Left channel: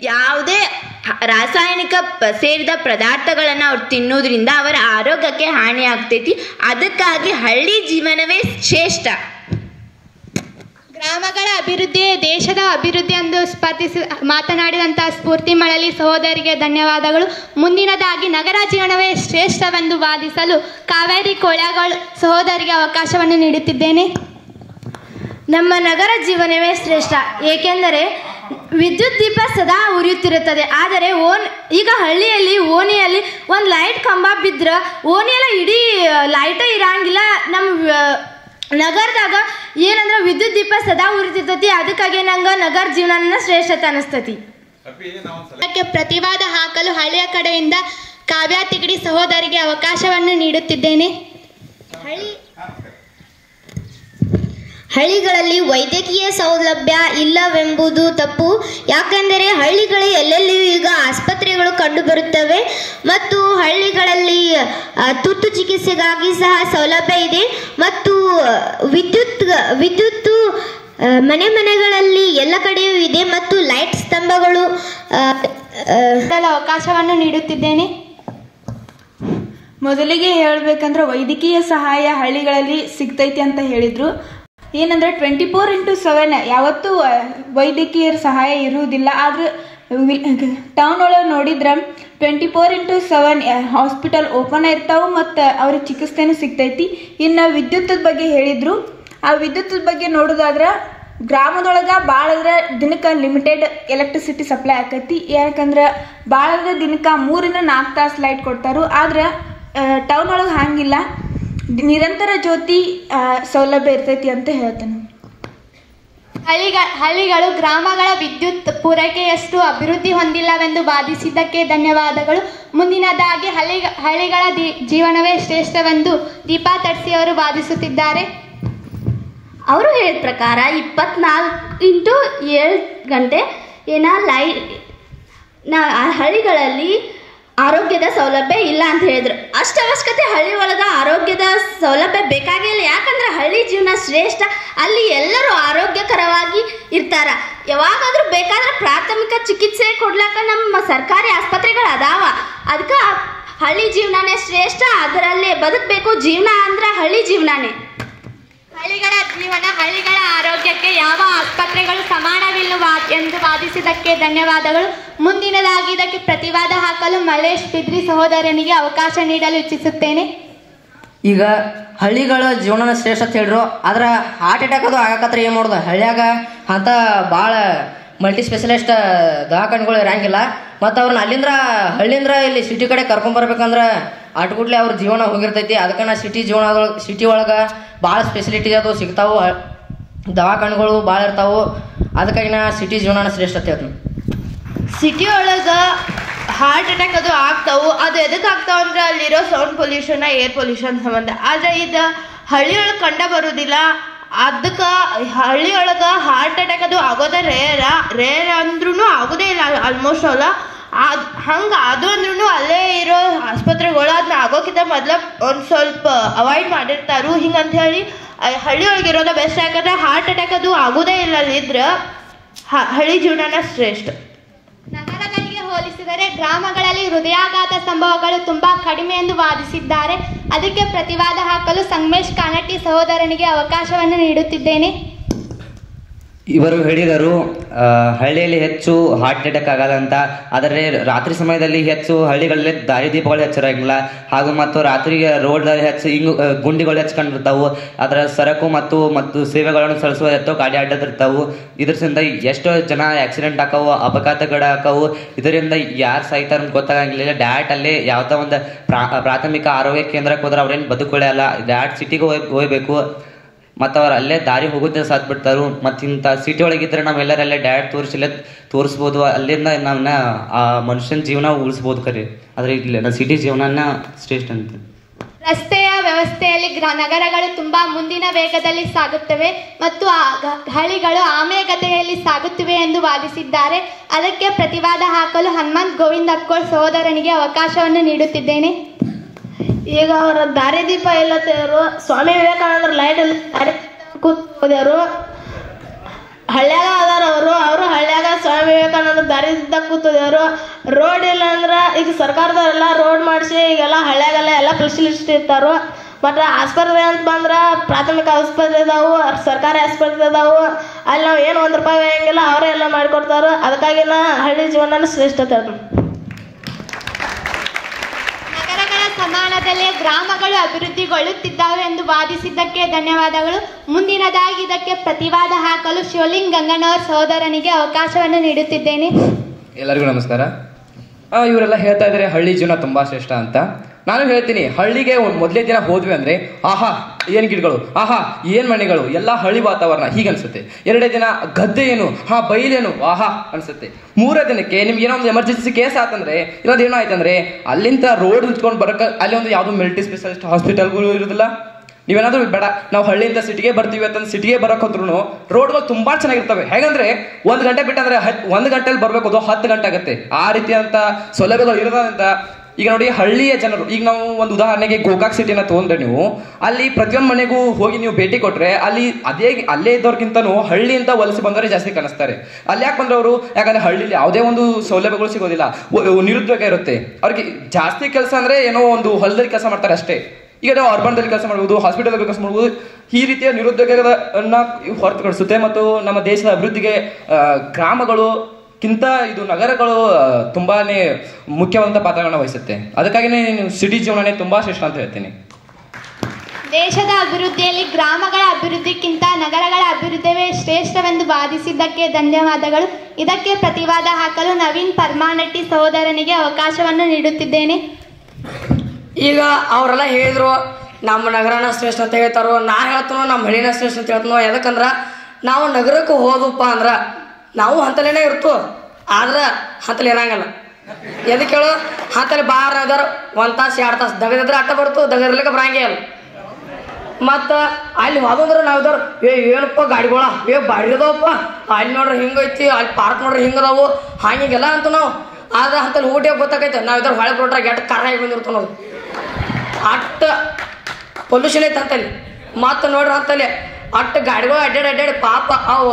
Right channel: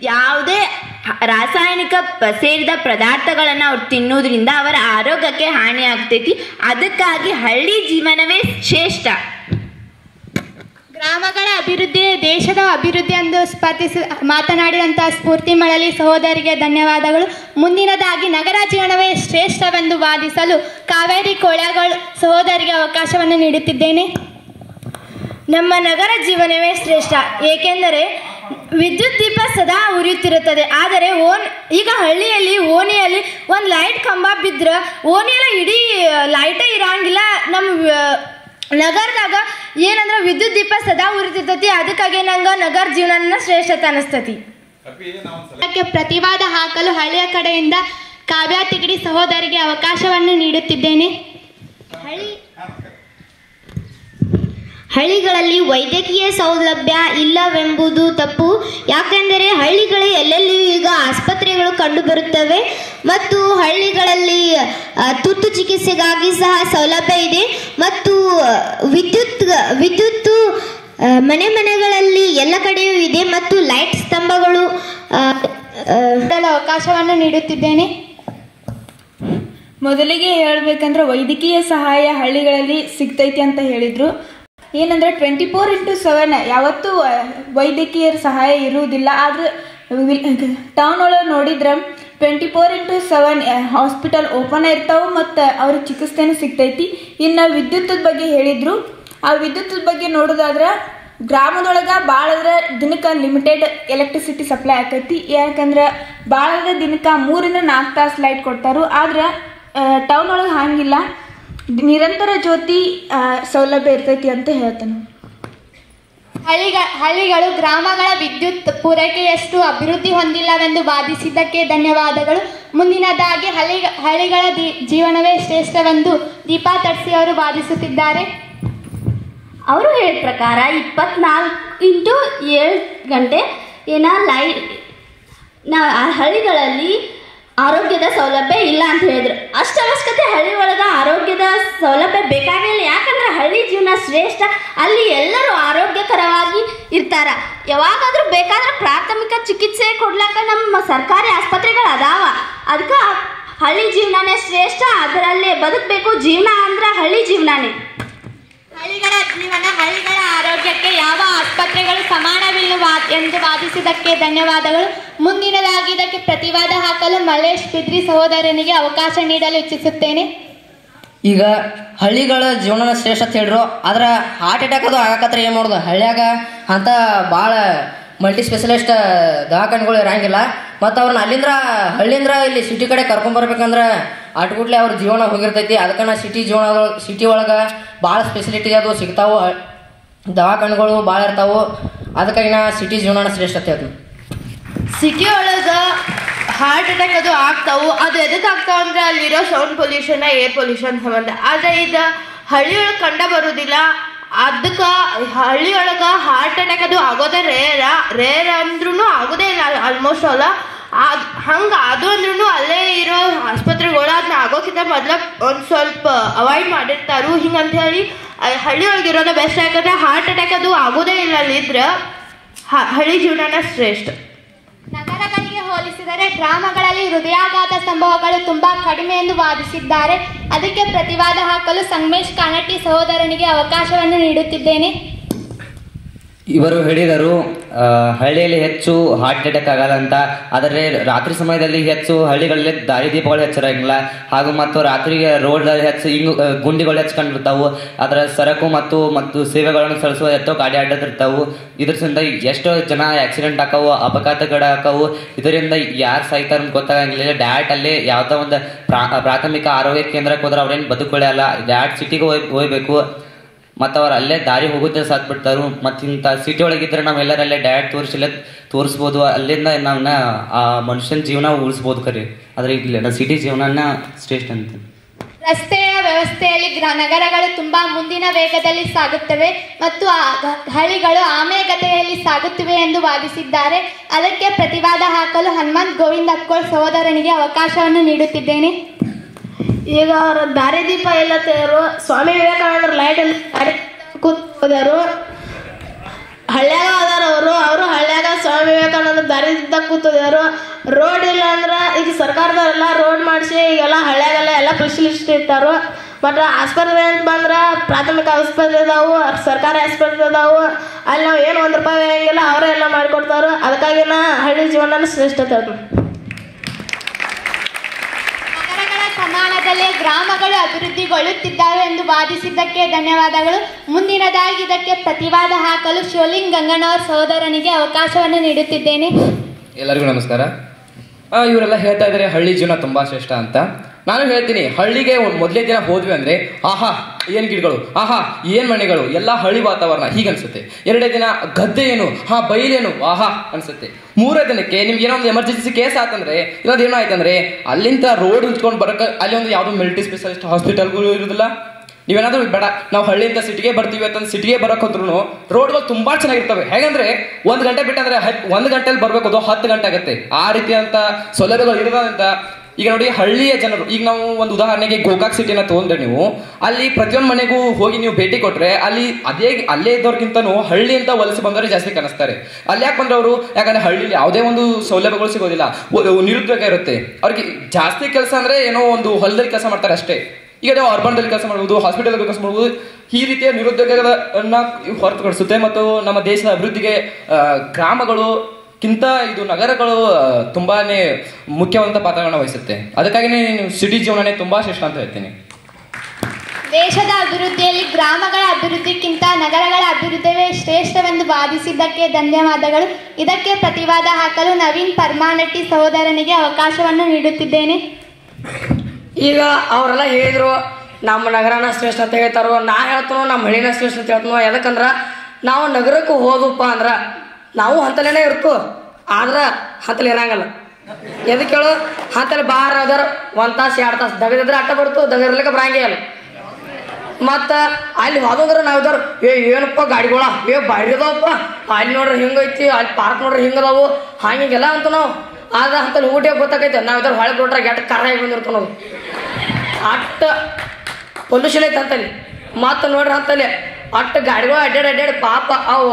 ಯಾವುದೇ ರಾಸಾಯನಿಕ ಸೇರಿದ ಪದಾರ್ಥಗಳನ್ನು ಅವ್ರು ತಿನ್ನೋದ್ರಿಂದ ಅವರ ಆರೋಗ್ಯಕ್ಕೆ ಹಾನಿ ಆಗ್ತೈತಿ. ಅದಕ್ಕಾಗಿ ಹಳ್ಳಿ ಜೀವನವೇ ಶ್ರೇಷ್ಠ. ಗ್ರಾಮಗಳ ಅಭಿವೃದ್ಧಿ ದೇಶದ ಅಭಿವೃದ್ಧಿ ಎಂದು ಮಾತನಾಡಿದಂತಹ ಸ್ಫೂರ್ತಿ ಮಳಲಿ ಸಹೋದರಿಗೆ ಧನ್ಯವಾದಗಳು. ಮುಂದಿನದಾಗಿ ನಗರ ಜೀವನವೇ ಶ್ರೇಷ್ಠವೆಂದು ವಾದಿಸಲು ಕಾವೇರಿ ಕೋಳ್ಯಾಗೋಳ್ ಸಹೋದರಿಗೆ ಅವಕಾಶವನ್ನು ನೀಡುತ್ತಿದ್ದೇನೆ. ನಮ್ಮ ನಗರ ಜೀವನವೇ ಶ್ರೇಷ್ಠ, ಏಕೆಂದರೆ ವಿದ್ಯುತ್ ದೀಪ ಸದಾ ಉರಿಯುತ್ತಿರುತ್ತದೆ. ಆದರೆ ಈಗ ಹಳ್ಳಿಯಲ್ಲಿ ಓಣಿಯಲ್ಲಿ ಒಂದು ಲೈಟ್ ಕಂಬ ಬಿದ್ದರೆ ಓಣಿಯೆಲ್ಲ ಇಡೀ ಲೈಟ ಇರಂಗಿಲ್ಲ. ನಮ್ಮ ನಗರದಾಗ ಏನಂದ್ರೆ ವಿದ್ಯುತ್ ದೀಪ ಸದಾ ಉರಿತಿರ್ತೈತಿ. ಅದಕ್ಕಾಗಿ ನಂಗೆ ನಗರ ಜೀವನ ಶ್ರೇಷ್ಠತೆ ಅನಿಸ್ತೈತಿ. ಅದಕ್ಕೆ ಪ್ರತಿವಾದ ಹಾಕಲು ಹಳ್ಳಿಯ ಕಡೆಯಿಂದ ಕಾವ್ಯ ತಿಗಡಿ ಸಹೋದರಿಗೆ ಅವಕಾಶವನ್ನು ನೀಡುತ್ತಿದ್ದೇನೆ. ಹಳ್ಳಿಗಳಲ್ಲಿ ವೈದ್ಯಕೀಯ ಸೌಲಭ್ಯ ಇಲ್ಲವೆಂಬುದು ತಪ್ಪು. ಯಾಕೆಂದರೆ ಹಳ್ಳಿಗಳು ಎಲ್ಲೆಲ್ಲಿಯೂ ಈಗ ಆಸ್ಪತ್ರೆಗಳು ಕಂಡುಬರುತ್ತವೆ ಮತ್ತು ಹಳ್ಳಿಗಳಲ್ಲಿ ತುರ್ತು ಚಿಕಿತ್ಸೆಗಾಗಿ ಸಹ ಸೌಲಭ್ಯ ಇದೆ ಮತ್ತು ವಿದ್ಯುತ್ ಮನೆಗಳಲ್ಲಿ ಎಲ್ಲ ಕಡೆಯೂ ಇದೆ ಮತ್ತು ಲೈಟ್ ಸ್ತಂಭಗಳು ಅವಕಾಶವನ್ನು ನೀಡುತ್ತಿದ್ದೇನೆ. ಮೊದಲಿಗೆ ಹೇಳಬೇಕಂದ್ರೆ ವೈದ್ಯಕೀಯ ಸಹಾಯ ಹಳ್ಳಿಗಳಲ್ಲಿ ಸಿಗ್ತೈತಿ ಅಂತ ಹೇಳಿದ್ರು. ಏನಂದ್ರೆ 24/7 ಯಾವತ್ತೂ ವೈದ್ಯಕೀಯ ಸಹಾಯ ಇರುವುದಿಲ್ಲ. ಆದ್ರೆ ಟೌನ್ ಒಳಗೆ ನೋಡಿದ್ರೆ 24/7 ಹಾಸ್ಪಿಟಲ್ ಓಪನ್ ಇರ್ತಾವೆ ಮತ್ತು ಅವ್ರಿಗೆ ಚಿಕಿತ್ಸೆನೂ ಸಿಗ್ತೈತಿ. ಇನ್ನು ವಿದ್ಯುತ್ ಬಗ್ಗೆ ಹೇಳಿದ್ರು. ಆ ವಿದ್ಯುತ್ ಬಗ್ಗೆ ನೋಡೋದಾದ್ರೆ ಗ್ರಾಮದೊಳಗೆ ಭಾಳ ಅಂದ್ರೆ ದಿನಕ್ಕೆ ಲಿಮಿಟೆಡ್ ಎಲೆಕ್ಟ್ರಿಸಿಟಿ ಸಪ್ಲೈ ಆಕೈತಿ. ಯಾಕಂದ್ರೆ ಭಾಳ ಅಂದ್ರೆ ದಿನಕ್ಕೆ 3 ಇಂದ 4 ತಾಸು ಲೈಟ್ ಕೊಡ್ತಾರು. ಆದ್ರೆ ಟೌನ್ ಒಳಗೆ ಹಂಗಿಲ್ಲ, ನಿರಂತರ ಜ್ಯೋತಿ ಸೌಲಭ್ಯ ಇರ್ತೈತಿ ಅಂತ ಹೇಳ್ತೇನೆ. ಹಳ್ಳಿಗಳು ಗ್ರಾಮಗಳ ವಿದ್ಯುತ್ ಪೂರೈಕೆಯಷ್ಟು ಅಭಿವೃದ್ಧಿ ಹೊಂದಿಲ್ಲವೆಂದು ವಾದಿಸಿದ್ದಕ್ಕೆ ಧನ್ಯವಾದಗಳು. ಮುಂದಿನದಾಗಿ ಹಳ್ಳಿಗಳ ಜೀವನವೇ ಶ್ರೇಷ್ಠವೆಂದು ದೀಪಾ ತಡ್ಸಿ ಅವರು ವಾದಿಸುತ್ತಿದ್ದಾರೆ. ಅವರು ಹೇಳಿದ ಪ್ರಕಾರ 24x7 ಗಂಟೆ ಹಳ್ಳಿಗಳಲ್ಲಿ ಆರೋಗ್ಯದ ಸೌಲಭ್ಯ ಇಲ್ಲ ಅಂತ ಹೇಳಿದ್ರು. ಅಷ್ಟು ಅವಶ್ಯಕತೆ ಹಳ್ಳಿ ಒಳಗೆ ಆರೋಗ್ಯದ ಸೌಲಭ್ಯ ಬೇಕಾಗಿಲ್ಲ. ಯಾಕಂದ್ರೆ ಹಳ್ಳಿ ಜೀವನ ಶ್ರೇಷ್ಠ. ಅಲ್ಲಿ ಎಲ್ಲರೂ ಆರೋಗ್ಯಕರವಾಗಿ ಇರ್ತಾರ. ಯಾವಾಗಾದ್ರೂ ಬೇಕಾದ್ರೆ ಪ್ರಾಥಮಿಕ ಚಿಕಿತ್ಸೆ ಕೊಡ್ಲಕ್ಕ ನಮ್ಮ ಸರ್ಕಾರಿ ಆಸ್ಪತ್ರೆಗಳು ಅದಾವ. ಅದಕ್ಕೆ ಹಳ್ಳಿ ಜೀವನನೇ ಶ್ರೇಷ್ಠ. ಅದರಲ್ಲೇ ಬದುಕಬೇಕು. ಜೀವನ ಅಂದ್ರೆ ಹಳ್ಳಿ ಜೀವನನೇ. ಹಳ್ಳಿಗಳ ಆರೋಗ್ಯಕ್ಕೆ ಯಾವ ಆಸ್ಪತ್ರೆಗಳು ಸಮಾನವಿಲ್ಲ ಎಂದು ವಾದಿಸಿದ್ದಕ್ಕೆ ಧನ್ಯವಾದಗಳು. ಮುಂದಿನದಾಗಿ ಇದಕ್ಕೆ ಪ್ರತಿವಾದ ಹಾಕಲು ಮಲ್ಲೇಶ್ ಬಿದ್ರಿ ಸಹೋದರನಿಗೆ ಅವಕಾಶ ನೀಡಲು ಇಚ್ಛಿಸುತ್ತೇನೆ. ಈಗ ಹಳ್ಳಿಗಳ ಜೀವನ ಶ್ರೇಷ್ಠ ಹೇಳಿದ್ರು. ಆದ್ರೆ ಹಾರ್ಟ್ ಅಟ್ಯಾಕ್ ಅದು ಆಗಕತ್ರ ಏನು ಮಾಡೋದು? ಹಳ್ಳಿಯಾಗ ಅಂತ ಭಾಳ ಮಲ್ಟಿ ಸ್ಪೆಷಲಿಸ್ಟ್ ದವಾಖಾನೆಗಳು ಇರಂಗಿಲ್ಲ. ಮತ್ತು ಅವ್ರನ್ನ ಹಳ್ಳಿಂದ್ರ ಇಲ್ಲಿ ಸಿಟಿ ಕಡೆ ಕರ್ಕೊಂಡ್ಬರ್ಬೇಕಂದ್ರೆ ಅಟ್ಗುಟ್ಲೆ ಅವ್ರ ಜೀವನ ಹೋಗಿರ್ತೈತಿ. ಅದಕ್ಕೆ ನಾ ಸಿಟಿ ಒಳಗೆ ಭಾಳ ಸ್ಪೆಸಿಲಿಟಿ ಅದು ಸಿಗ್ತಾವೆ, ದವಾಖಾನೆಗಳು ಭಾಳ ಇರ್ತಾವೆ. ಅದಕ್ಕಾಗಿ ನಾ ಸಿಟಿ ಜೀವನ ಶ್ರೇಷ್ಠತೆ ಅದು. ಸಿಟಿ ಒಳಗೆ ಹಾರ್ಟ್ ಅಟ್ಯಾಕ್ ಅದು ಆಗ್ತಾವು. ಅದು ಎದಕ್ಕೆ ಆಗ್ತಾವ ಅಂದ್ರೆ ಅಲ್ಲಿರೋ ಸೌಂಡ್ ಪೊಲ್ಯೂಷನ್, ಏರ್ ಪೊಲ್ಯೂಷನ್ ಸಂಬಂಧ. ಆದರೆ ಇದು ಹಳ್ಳಿಯೊಳಗೆ ಕಂಡ ಬರೋದಿಲ್ಲ. ಅದಕ್ಕೆ ಹಳ್ಳಿಯೊಳಗೆ ಹಾರ್ಟ್ ಅಟ್ಯಾಕ್ ಅದು ಆಗೋದೇ ರೇರ್ ಅಂದ್ರೂ ಆಗೋದೇ ಇಲ್ಲ ಆಲ್ಮೋಸ್ಟ್ ಅಲ್ಲ. ಹಂಗೆ ಅದು ಅಂದ್ರೂ ಅಲ್ಲೇ ಇರೋ ಆಸ್ಪತ್ರೆಗಳು ಅದನ್ನ ಆಗೋಕ್ಕಿಂತ ಮೊದಲು ಒಂದು ಸ್ವಲ್ಪ ಅವಾಯ್ಡ್ ಮಾಡಿರ್ತಾರು. ಹಿಂಗಂತ ಹೇಳಿ ಹಳ್ಳಿಯೊಳಗೆ ಇರೋದು ಬೆಸ್ಟ್. ಯಾಕಂದ್ರೆ ಹಾರ್ಟ್ ಅಟ್ಯಾಕ್ ಅದು ಆಗೋದೇ ಇಲ್ಲ ಅಲ್ಲಿದ್ರೆ ಹಳ್ಳಿ ಜೀವನ ಶ್ರೇಷ್ಠ. ನಗರಗಳಿಗೆ ಹೋಲಿಸಿದರೆ ಗ್ರಾಮಗಳಲ್ಲಿ ಹೃದಯಾಘಾತ ಸಂಭವಗಳು ತುಂಬಾ ಕಡಿಮೆ ಎಂದು ವಾದಿಸಿದ್ದಾರೆ. ಅದಕ್ಕೆ ಪ್ರತಿವಾದ ಹಾಕಲು ಸಂಗಮೇಶ್ ಕಾನಟ್ಟಿ ಸಹೋದರನಿಗೆ ಅವಕಾಶವನ್ನು ನೀಡುತ್ತಿದ್ದೇನೆ. ಇವರು ಹೇಳಿದರು ಹಳ್ಳಿಯಲ್ಲಿ ಹೆಚ್ಚು ಹಾರ್ಟ್ ಅಟ್ಯಾಕ್ ಆಗಲ್ಲ ಅಂತ. ಆದರೆ ರಾತ್ರಿ ಸಮಯದಲ್ಲಿ ಹೆಚ್ಚು ಹಳ್ಳಿಗಳಲ್ಲಿ ದಾರಿ ದೀಪಗಳು ಹೆಚ್ಚಿರಂಗಿಲ್ಲ. ಹಾಗೂ ಮತ್ತು ರಾತ್ರಿಗೆ ರೋಡ್ನಲ್ಲಿ ಹೆಚ್ಚು ಗುಂಡಿಗಳು ಹೆಚ್ಚಿಕೊಂಡಿರ್ತಾವೆ. ಅದರ ಸರಕು ಮತ್ತು ಸೇವೆಗಳನ್ನು ಸಲ್ಲಿಸುವ ಎಷ್ಟೋ ಗಾಡಿ ಅಡ್ಡದಿರ್ತಾವೆ. ಇದರಿಂದ ಎಷ್ಟೋ ಜನ ಆಕ್ಸಿಡೆಂಟ್ ಆಕಾವು, ಅಪಘಾತಗಳಾಕಾವು. ಇದರಿಂದ ಯಾರು ಸಾಯ್ತಾರೆ ಅಂತ ಗೊತ್ತಾಗಂಗಿಲ್ಲ. ಡೈರೆಕ್ಟ್ ಅಲ್ಲಿ ಯಾವುದೋ ಒಂದು ಪ್ರಾಥಮಿಕ ಆರೋಗ್ಯ ಕೇಂದ್ರಕ್ಕೆ ಹೋದ್ರೆ ಅವ್ರೇನು ಬದುಕೊಳ್ಳಲ್ಲ. ಡೈರೆಕ್ಟ್ ಸಿಟಿಗೆ ಹೋಗ್ಬೇಕು. ಮತ್ತು ಅವ್ರು ಅಲ್ಲೇ ದಾರಿ ಹೋಗುತ್ತೆ ಸಾತ್ಬಿಡ್ತಾರು. ಮತ್ತು ಇಂಥ ಸಿಟಿ ಒಳಗಿದ್ರೆ ನಾವೆಲ್ಲರಲ್ಲೇ ಡೈರೆಕ್ಟ್ ತೋರಿಸ್ಬೋದು. ಅಲ್ಲಿಂದ ನಮ್ಮನ್ನ ಆ ಮನುಷ್ಯನ ಜೀವನ ಉಳಿಸ್ಬೋದು ಖರೆ. ಆದರೆ ಇಲ್ಲ ಸಿಟಿ ಜೀವನ ಶ್ರೇಷ್ಠ ಅಂತ. ರಸ್ತೆಯ ವ್ಯವಸ್ಥೆಯಲ್ಲಿ ನಗರಗಳು ತುಂಬಾ ಮುಂದಿನ ವೇಗದಲ್ಲಿ ಸಾಗುತ್ತವೆ ಮತ್ತು ಹಳ್ಳಿಗಳು ಆಮೆಗತಿಯಲ್ಲಿ ಸಾಗುತ್ತಿವೆ ಎಂದು ವಾದಿಸಿದ್ದಾರೆ. ಅದಕ್ಕೆ ಪ್ರತಿವಾದ ಹಾಕಲು ಹನುಮಂತ್ ಗೋವಿಂದ ಅಕ್ಕೋಳ್ ಸಹೋದರನಿಗೆ ಅವಕಾಶವನ್ನು ನೀಡುತ್ತಿದ್ದೇನೆ. ಈಗ ಅವರ ದಾರಿ ದೀಪ ಎಲ್ಲತ್ತರು ಸ್ವಾಮಿ ವಿವೇಕಾನಂದರ ಲೈಟಲ್ಲಿ ದಾರಿ ಕೂತ್ಕೋದ್ಯಾರು. ಹಳ್ಳ್ಯಾಗ ಅದಾರ ಅವರು ಹಳ್ಳ್ಯಾಗ ಸ್ವಾಮಿ ವಿವೇಕಾನಂದ ದಾರಿ ಕೂತಿದ್ದಾರೆ. ರೋಡ್ ಇಲ್ಲ ಅಂದ್ರೆ ಈಗ ಸರ್ಕಾರದವರೆಲ್ಲ ರೋಡ್ ಮಾಡಿಸಿ ಈಗೆಲ್ಲ ಹಳ್ಳಿಯಾಗೆಲ್ಲ ಎಲ್ಲ ಫೆಸಿಲಿಟಿ ಇರ್ತಾರೋ. ಮತ್ತು ಆಸ್ಪತ್ರೆ ಅಂತ ಬಂದ್ರೆ ಪ್ರಾಥಮಿಕ ಆಸ್ಪತ್ರೆ ಅದಾವು, ಸರ್ಕಾರಿ ಆಸ್ಪತ್ರೆ ಅದಾವು. ಅಲ್ಲಿ ನಾವು ಏನು ₹1 ಬೇಕಂಗಿಲ್ಲ, ಅವರೇ ಎಲ್ಲ ಮಾಡಿಕೊಡ್ತಾರೋ. ಅದಕ್ಕಾಗಿ ನಾ ಹಳ್ಳಿ ಜೀವನ ಶ್ರೇಷ್ಠತೆ. ನಗರಗಳ ಸಮಾನದಲ್ಲಿ ಗ್ರಾಮಗಳು ಅಭಿವೃದ್ಧಿಗೊಳ್ಳುತ್ತಿದ್ದಾವೆ ಎಂದು ವಾದಿಸಿದ್ದಕ್ಕೆ ಧನ್ಯವಾದಗಳು. ಮುಂದಿನದಾಗಿ ಇದಕ್ಕೆ ಪ್ರತಿವಾದ ಹಾಕಲು ಶಿವಲಿಂಗ್ ಗಂಗಣ್ಣವರ ಸಹೋದರನಿಗೆ ಅವಕಾಶವನ್ನು ನೀಡುತ್ತಿದ್ದೇನೆ. ಎಲ್ಲರಿಗೂ ನಮಸ್ಕಾರ. ಇವರೆಲ್ಲ ಹೇಳ್ತಾ ಇದ್ದಾರೆ ಹಳ್ಳಿ ಜೀವನ ತುಂಬ ಶ್ರೇಷ್ಠ ಅಂತ. ನಾನು ಹೇಳ್ತೀನಿ, ಹಳ್ಳಿಗೆ ಒಂದು ಮೊದಲೇ ದಿನ ಹೋದ್ವಿ ಅಂದರೆ ಆಹಾ ಏನು ಗಿಡಗಳು, ಆಹಾ ಏನು ಮನೆಗಳು, ಎಲ್ಲ ಹಳ್ಳಿ ವಾತಾವರಣ ಹೀಗೆ ಅನಿಸುತ್ತೆ. 2ನೇ ದಿನ ಗದ್ದೆ ಏನು, ಬೈಲೇನು, ಆಹಾ ಅನಿಸುತ್ತೆ. 3ನೇ ದಿನಕ್ಕೆ ನಿಮ್ಗೆ ಏನೋ ಒಂದು ಎಮರ್ಜೆನ್ಸಿ ಕೇಸ್ ಆತಂದ್ರೆ ಇರೋದು ಏನೋ ಆಯ್ತಂದ್ರೆ ಅಲ್ಲಿಂದ ರೋಡ್ ಉಂಚ್ಕೊಂಡು ಬರೋಕೆ ಅಲ್ಲಿ ಒಂದು ಯಾವುದೋ ಮಲ್ಟಿ ಸ್ಪೆಷಲಿಸ್ಟ್ ಹಾಸ್ಪಿಟಲ್ಗಳು ಇರೋದಿಲ್ಲ. ನೀವೇನಾದ್ರೂ ಬೇಡ ನಾವು ಹಳ್ಳಿಯಿಂದ ಸಿಟಿಗೆ ಬರ್ತೀವಿ ಅಂತಂದು ಸಿಟಿಗೆ ಬರೋಕಂದ್ರೂ ರೋಡ್ಗಳು ತುಂಬಾ ಚೆನ್ನಾಗಿರ್ತವೆ. ಹೇಗಂದ್ರೆ 1 ಗಂಟೆ ಬಿಟ್ಟಂದ್ರೆ 1 ಗಂಟೆಲಿ ಬರಬೇಕು, ಅದು 10 ಗಂಟೆ ಆಗುತ್ತೆ. ಆ ರೀತಿಯಂತ ಸೌಲಭ್ಯಗಳು ಇರೋದ್ರಿಂದ ಈಗ ನೋಡಿ ಹಳ್ಳಿಯ ಜನರು, ಈಗ ನಾವು ಒಂದು ಉದಾಹರಣೆಗೆ ಗೋಕಾಕ್ ಸಿಟಿನ ತಗೊಂಡ್ರೆ ನೀವು ಅಲ್ಲಿ ಪ್ರತಿಯೊಂದು ಮನೆಗೂ ಹೋಗಿ ನೀವು ಭೇಟಿ ಕೊಟ್ರೆ ಅಲ್ಲಿ ಅಲ್ಲೇ ಇದ್ದವ್ರಿಗಿಂತನೂ ಹಳ್ಳಿಯಿಂದ ವಲಸೆ ಬಂದವರೇ ಜಾಸ್ತಿ ಕಾಣಿಸ್ತಾರೆ. ಅಲ್ಲಿ ಯಾಕೆ ಬಂದವರು? ಯಾಕಂದ್ರೆ ಹಳ್ಳಿಲಿ ಯಾವುದೇ ಒಂದು ಸೌಲಭ್ಯಗಳು ಸಿಗೋದಿಲ್ಲ, ನಿರುದ್ಯೋಗ ಇರುತ್ತೆ. ಅವ್ರಿಗೆ ಜಾಸ್ತಿ ಕೆಲಸ ಅಂದ್ರೆ ಏನೋ ಒಂದು ಹೊಲದಲ್ಲಿ ಕೆಲಸ ಮಾಡ್ತಾರೆ ಅಷ್ಟೇ. ಈಗ ನಾವು ಅರ್ಬನ್ದಲ್ಲಿ ಕೆಲಸ ಮಾಡ್ಬೋದು, ಹಾಸ್ಪಿಟಲ್ ಕೆಲಸ ಮಾಡ್ಬೋದು. ಈ ರೀತಿಯ ನಿರುದ್ಯೋಗವನ್ನ ಹೊರತುಪಡಿಸುತ್ತೆ ಮತ್ತು ನಮ್ಮ ದೇಶದ ಅಭಿವೃದ್ಧಿಗೆ ಗ್ರಾಮಗಳು ಕಿಂತ ಇದು ನಗರಗಳು ತುಂಬಾನೇ ಮುಖ್ಯವಾದಂಥ ಪಾತ್ರಗಳನ್ನ ವಹಿಸುತ್ತೆ. ಅದಕ್ಕಾಗಿನೇ ಸಿಟಿ ಜೀವನನೇ ತುಂಬಾ ಶ್ರೇಷ್ಠ ಅಂತ ಹೇಳ್ತೀನಿ. ದೇಶದ ಅಭಿವೃದ್ಧಿಯಲ್ಲಿ ಗ್ರಾಮಗಳ ಅಭಿವೃದ್ಧಿಗಿಂತ ನಗರಗಳ ಅಭಿವೃದ್ಧಿಯೇ ಶ್ರೇಷ್ಠವೆಂದು ವಾದಿಸಿದ್ದಕ್ಕೆ ಧನ್ಯವಾದಗಳು. ಇದಕ್ಕೆ ಪ್ರತಿವಾದ ಹಾಕಲು ನವೀನ್ ಪರ್ಮಾನಟ್ಟಿ ಸಹೋದರನಿಗೆ ಅವಕಾಶವನ್ನು ನೀಡುತ್ತಿದ್ದೇನೆ. ಈಗ ಅವರೆಲ್ಲ ಹೇಳಿದ್ರು ನಮ್ಮ ನಗರನ ಶ್ರೇಷ್ಠ ಅಂತ ಹೇಳ್ತಾರೋ, ನಾ ಹೇಳ್ತಾನೋ ನಮ್ಮ ಹಳ್ಳಿನ ಶ್ರೇಷ್ಠ ಅಂತ ಹೇಳ್ತಾನೋ. ಯಾಕಂದ್ರೆ ನಾವು ನಗರಕ್ಕೆ ಹೋದಪ್ಪ ಅಂದ್ರೆ ನಾವು ಹಂತಲೇನೇ ಇರ್ತು, ಆದ್ರೆ ಹಂತಲಿ ಇರಂಗಲ್ಲ. ಎದಕ್ಕೆ ಹೇಳು? ಹಂತಲ್ಲಿ ಬಾರ ಅದಾರ 1 ತಾಸು 2 ತಾಸು ದಗದಿದ್ರೆ ಅಟ್ಟ ಬರ್ತು, ದಗದಿರ್ಲಿಕ್ಕೆ ಬರಂಗೇ ಅಲ್ಲ. ಮತ್ತು ಅಲ್ಲಿ ಹೋದ್ರೆ ನಾವು ಇದ್ದಾರ ಏನಪ್ಪ ಗಾಡಿಗಳ ಬಾಡಿ ಅದಾವಪ್ಪ, ಅಲ್ಲಿ ನೋಡ್ರಿ ಹಿಂಗೈತಿ, ಅಲ್ಲಿ ಪಾರ್ಕ್ ನೋಡ್ರಿ ಹಿಂಗದಾವು, ಹಾಗೆಲ್ಲ ಅಂತ ನಾವು. ಆದ್ರೆ ಅಂತಲ್ಲಿ ಊಟ ಗೊತ್ತಾಕೈತೆ ನಾವು ಇದ್ರ ಹೊಳೆ ಕೊಟ್ರೆ ಎಟ್ಟು ಕಾರಾಗಿ ಬಂದಿರ್ತಾವ. ಅದು ಅಟ್ಟ ಪೊಲ್ಯೂಷನ್ ಐತೆ ಅಂತಲ್ಲಿ. ಮತ್ತು ನೋಡ್ರಿ ಅಂತಲ್ಲಿ ಅಟ್ಟು ಗಾಡಿಗಳು ಅಡ್ಡಾಡಿ ಪಾಪ ಅವು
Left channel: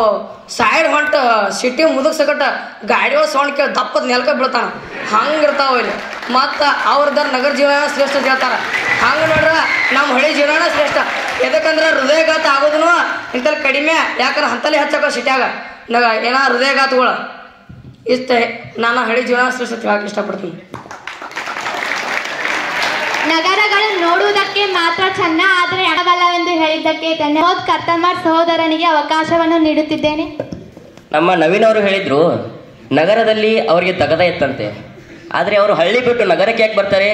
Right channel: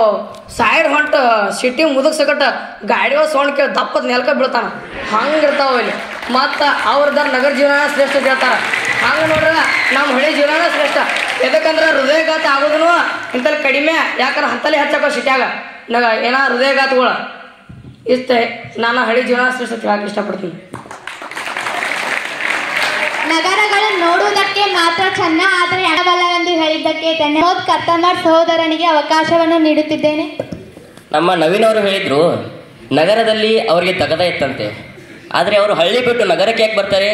ಸೈಡ್ ಹೊಂಟು ಸಿಟಿ ಮುದುಕ್ ಸಕಟ ಗಾಡಿಗಳು ಸೌಂಡ್ ಕೇಳಿ ದಪ್ಪದ ನೆಲಕ ಬೀಳ್ತಾನ, ಹಂಗಿರ್ತಾವ ಇಲ್ಲಿ. ಮತ್ತು ಅವ್ರದ್ದಾರ ನಗರ ಜೀವನ ಶ್ರೇಷ್ಠ ಹೇಳ್ತಾರೆ. ಹಂಗೆ ನೋಡ್ರೆ ನಮ್ಮ ಹಳ್ಳಿ ಜೀವನ ಶ್ರೇಷ್ಠ. ಯಾಕಂದ್ರೆ ಹೃದಯಘಾತ ಆಗೋದೂ ಇಂಥಲ್ಲಿ ಕಡಿಮೆ, ಯಾಕಂದ್ರೆ ಅಂತಲೇ ಹೆಚ್ಚಾಕ ಸಿಟ್ಯಾಗ ಏನೋ ಹೃದಯಘಾತಗಳು. ಇಷ್ಟೇ ನಾನು ಹಳ್ಳಿ ಜೀವನ ಶ್ರೇಷ್ಠ ಹೇಳಕ್ಕೆ ಇಷ್ಟಪಡ್ತೀನಿ. ನಗರಗಳು ನೋಡುವುದಕ್ಕೆ ಮಾತ್ರ ಚೆನ್ನ, ಆದರೆ ಹಣಬಲ್ಲವೆಂದು ಹೇಳಿದ್ದಕ್ಕೆ ಧನ್ಯವಾದ. ಕರ್ತಮರ್ ಸಹೋದರನಿಗೆ ಅವಕಾಶವನ್ನು ನೀಡುತ್ತಿದ್ದೇನೆ. ನಮ್ಮ ನವೀನ್ ಅವರು ಹೇಳಿದ್ರು ನಗರದಲ್ಲಿ ಅವರಿಗೆ ತಗದ ಇತ್ತಂತೆ, ಆದರೆ ಅವರು ಹಳ್ಳಿ ಬಿಟ್ಟು ನಗರಕ್ಕೆ ಯಾಕೆ ಬರ್ತಾರೆ?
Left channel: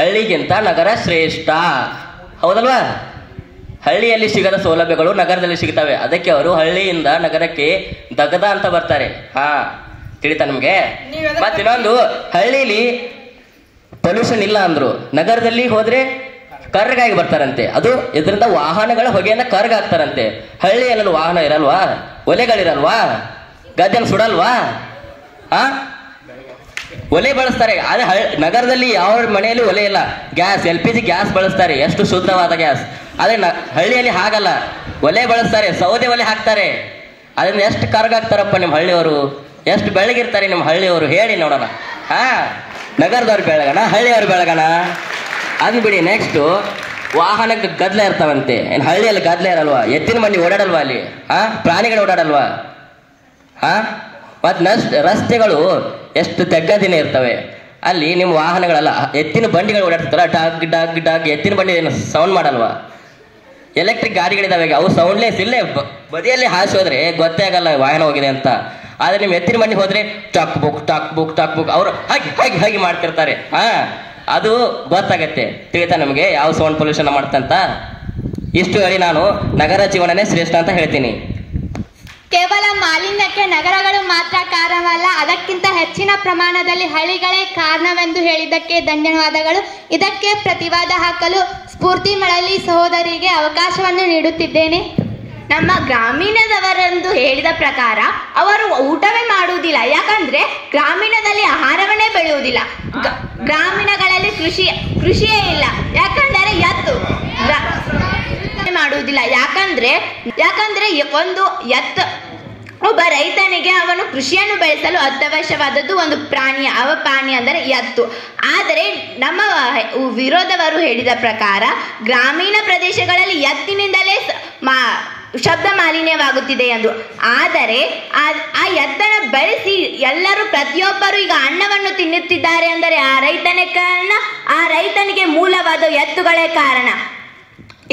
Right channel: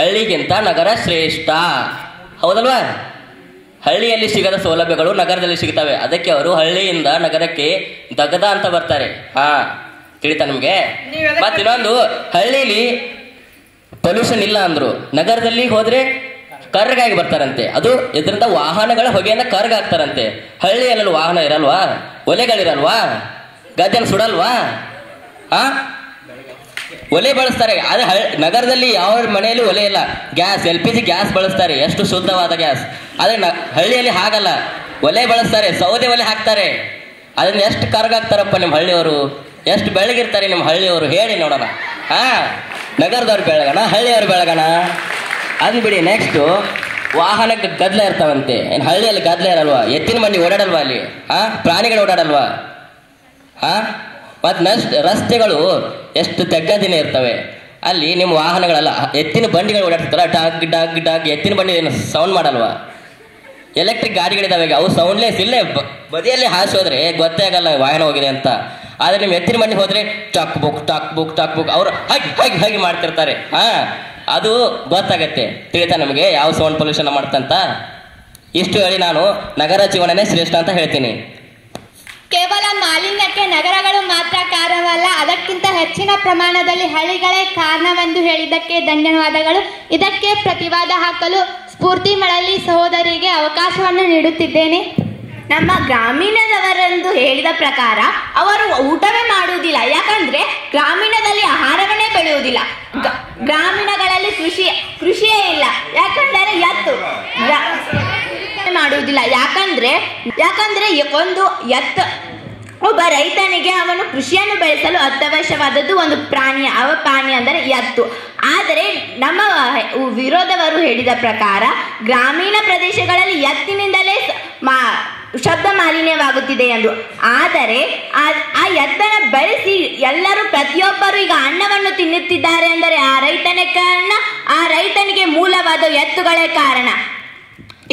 ಹಳ್ಳಿಗಿಂತ ನಗರ ಶ್ರೇಷ್ಠ, ಹೌದಲ್ವಾ? ಹಳ್ಳಿಯಲ್ಲಿ ಸಿಗದ ಸೌಲಭ್ಯಗಳು ನಗರದಲ್ಲಿ ಸಿಗ್ತವೆ, ಅದಕ್ಕೆ ಅವರು ಹಳ್ಳಿಯಿಂದ ನಗರಕ್ಕೆ ದಗದ ಅಂತ ಬರ್ತಾರೆ. ತಿಳಿತಾ ನಿಮಗೆ? ಮತ್ತೆ ಇನ್ನೊಂದು, ಹಳ್ಳಿಲಿ ಪೊಲ್ಯೂಷನ್ ಇಲ್ಲ ಅಂದ್ರು, ನಗರದಲ್ಲಿ ಹೋದ್ರೆ ಕರ್ಗಾಗಿ ಬರ್ತಾರಂತೆ. ಅದು ಇದರಿಂದ ವಾಹನಗಳ ಹೊಗೆಯಿಂದ ಕರ್ಗಾಗ್ತಾರಂತೆ. ಹಳ್ಳಿಯಲ್ಲಿ ವಾಹನ ಇರಲ್ವಾ? ಒಲೆಗಳಿರಲ್ವಾ? ಗದ್ದೆನ ಸುಡಲ್ವಾ? ಒಲೆ ಬಳಸ್ತಾರೆ. ಆದ್ರೆ ನಗರದಲ್ಲಿ ಯಾವ ಮನೆಯಲ್ಲಿ ಒಲೆ ಇಲ್ಲ, ಗ್ಯಾಸ್ LPG ಗ್ಯಾಸ್ ಬಳಸ್ತಾರೆ, ಎಷ್ಟು ಶುದ್ಧವಾದ ಗ್ಯಾಸ್. ಆದ್ರೆ ಹಳ್ಳಿಯಲ್ಲಿ ಹಾಗಲ್ಲ, ಒಲೆ ಬಳಸ್ತಾರೆ, ಸೌದೆ ಒಲೆ ಹಾಕ್ತಾರೆ. ಅದನ್ನ ಎಷ್ಟು ಕರ್ಗಾಗ್ತಾರಪ್ಪ ನಿಮ್ಮ ಹಳ್ಳಿಯವರು, ಎಷ್ಟು ಬೆಳಗಿರ್ತಾರೆ ನಿಮ್ಮ ಹಳ್ಳಿಯವರು, ಹೇಳಿ ನೋಡೋಣ. ನಗರದವ್ರು ಬೆಳಗಣ, ಹಳ್ಳಿಯವ್ರು ಬೆಳಗಣ, ಅದು ಬಿಡಿ. ನೆಕ್ಸ್ಟು, ವಾಹನಕ್ಕೆ ಗದ್ದಲ ಇರ್ತಾವಂತೆ. ಏನು ಹಳ್ಳಿಯಲ್ಲಿ ಗದ್ದಲ ಇರಲ್ವಾ? ಎತ್ತಿನ ಬಂಡಿ ಓಡಾಡಲ್ವಾ ಅಲ್ಲಿ? ಪ್ರಾಣಿಗಳು ಓಡಾಡಲ್ವಾ? ಮತ್ತು ರಸ್ತೆಗಳು ಎಷ್ಟು ತೆಗ್ಗದಿನೇ ಇರ್ತವೆ. ಅಲ್ಲಿ ನಿಮ್ಮ ವಾಹನಗಳಲ್ಲ, ಎತ್ತಿನ ಬಂಡಿಗಳು ಓಡಾಡ್ತಾರ, ಡಗ್ ಡಗ್ ಡಗ್. ಎತ್ತಿನ ಬಂಡಿ ಏನು ಸೌಂಡ್ ಮಾಡಲ್ವಾ? ಎಲೆಕ್ಟ್ರಿಕ್ ಗಾಡಿಗಳಿದಾವೆ, ಅವು ಸೌಂಡ್ಲೆಸ್. ಇಲ್ಲೇ ಬದಿಯಲ್ಲಿ ಹಾಸೋದ್ರೆ ಗೊತ್ತೇ ಆಗಲ್ಲ ವಾಹನ ಹೋಗಿದೆ ಅಂತ. ಆದರೆ ನಿಮ್ಮ ಎತ್ತಿನ ಬಂಡಿ ಹೋದ್ರೆ ಟಕ್ ಬುಕ್ ಟಕ್ ಬುಕ್ ಟಕ್ ಬುಕ್ ಅವರು ಹಾಗೆ ಮಾಡ್ತಿರ್ತಾರೆ. ಅದು ಗೊತ್ತಾಗತ್ತೆ. ತಿಳಿತಾ ನಮಗೆ ಯಾವ ಸೌಂಡ್ ಪೊಲ್ಯೂಷನ್ ಮಾಡ್ತಂತ? ಇಷ್ಟು ಹೇಳಿ ನಾನು ನಗರ ಜೀವನನೇ ಶ್ರೇಷ್ಠ ಅಂತ ಹೇಳ್ತೀನಿ. ಕೇವಲ ಮಾಲಿನ್ಯಕ್ಕೆ ನಗರಗಳು ಮಾತ್ರ ಕಾರಣವಲ್ಲ, ಅದಕ್ಕಿಂತ ಹೆಚ್ಚಿನ ಪ್ರಮಾಣದಲ್ಲಿ ಹಳ್ಳಿಗಳೇ ಕಾರಣವೆಂದು ಹೇಳಿದ್ದಕ್ಕೆ ಧನ್ಯವಾದಗಳು. ಇದಕ್ಕೆ ಪ್ರತಿವಾದ ಹಾಕಲು ಸ್ಫೂರ್ತಿ ಮಳಲಿ ಸಹೋದರಿಗೆ ಅವಕಾಶವನ್ನು ನೀಡುತ್ತಿದ್ದೇನೆ. ನಮ್ಮ ಗ್ರಾಮೀಣದವರೆಂದು ಹೇಳಿದ ಪ್ರಕಾರ ಅವರು ಊಟವೇ ಮಾಡುವುದಿಲ್ಲ, ಯಾಕಂದ್ರೆ ಗ್ರಾಮೀಣದಲ್ಲಿ ಆಹಾರವನ್ನೇ ಬೆಳೆಯುವುದಿಲ್ಲ. ಗ್ರಾಮೀಣಗಳಲ್ಲಿ ಕೃಷಿಯೇ ಇಲ್ಲ, ಯಾಕಂದರೆ ಎತ್ತು ಮಾಡುವುದಿಲ್ಲ. ಯಾಕಂದ್ರೆ ಒಂದು ಒಬ್ಬ ರೈತನಿಗೆ ಅವನು ಕೃಷಿಯನ್ನು ಬೆಳೆಸಲು ಅತ್ಯವಶ್ಯವಾದದ್ದು ಒಂದು ಪ್ರಾಣಿ, ಅವ ಪ್ರಾಣಿ ಅಂದರೆ ಎತ್ತು. ಆದರೆ ನಮ್ಮ ವಿರೋಧವರು ಹೇಳಿದ ಪ್ರಕಾರ ಗ್ರಾಮೀಣ ಪ್ರದೇಶಗಳಲ್ಲಿ ಎತ್ತಿನಿಂದಲೇ ಶಬ್ದ ಮಾಲಿನ್ಯವಾಗುತ್ತಿದೆ ಎಂದು. ಆದರೆ ಆ ಎತ್ತನ ಬೆಳೆಸಿ ಎಲ್ಲರೂ ಪ್ರತಿಯೊಬ್ಬರು ಈಗ ಅನ್ನವನ್ನು ತಿನ್ನುತ್ತಿದ್ದಾರೆ ಅಂದರೆ ಆ ರೈತನೇ ಕಾರಣ, ಆ ರೈತನಿಗೆ ಮೂಲವಾದ ಎತ್ತುಗಳೇ ಕಾರಣ.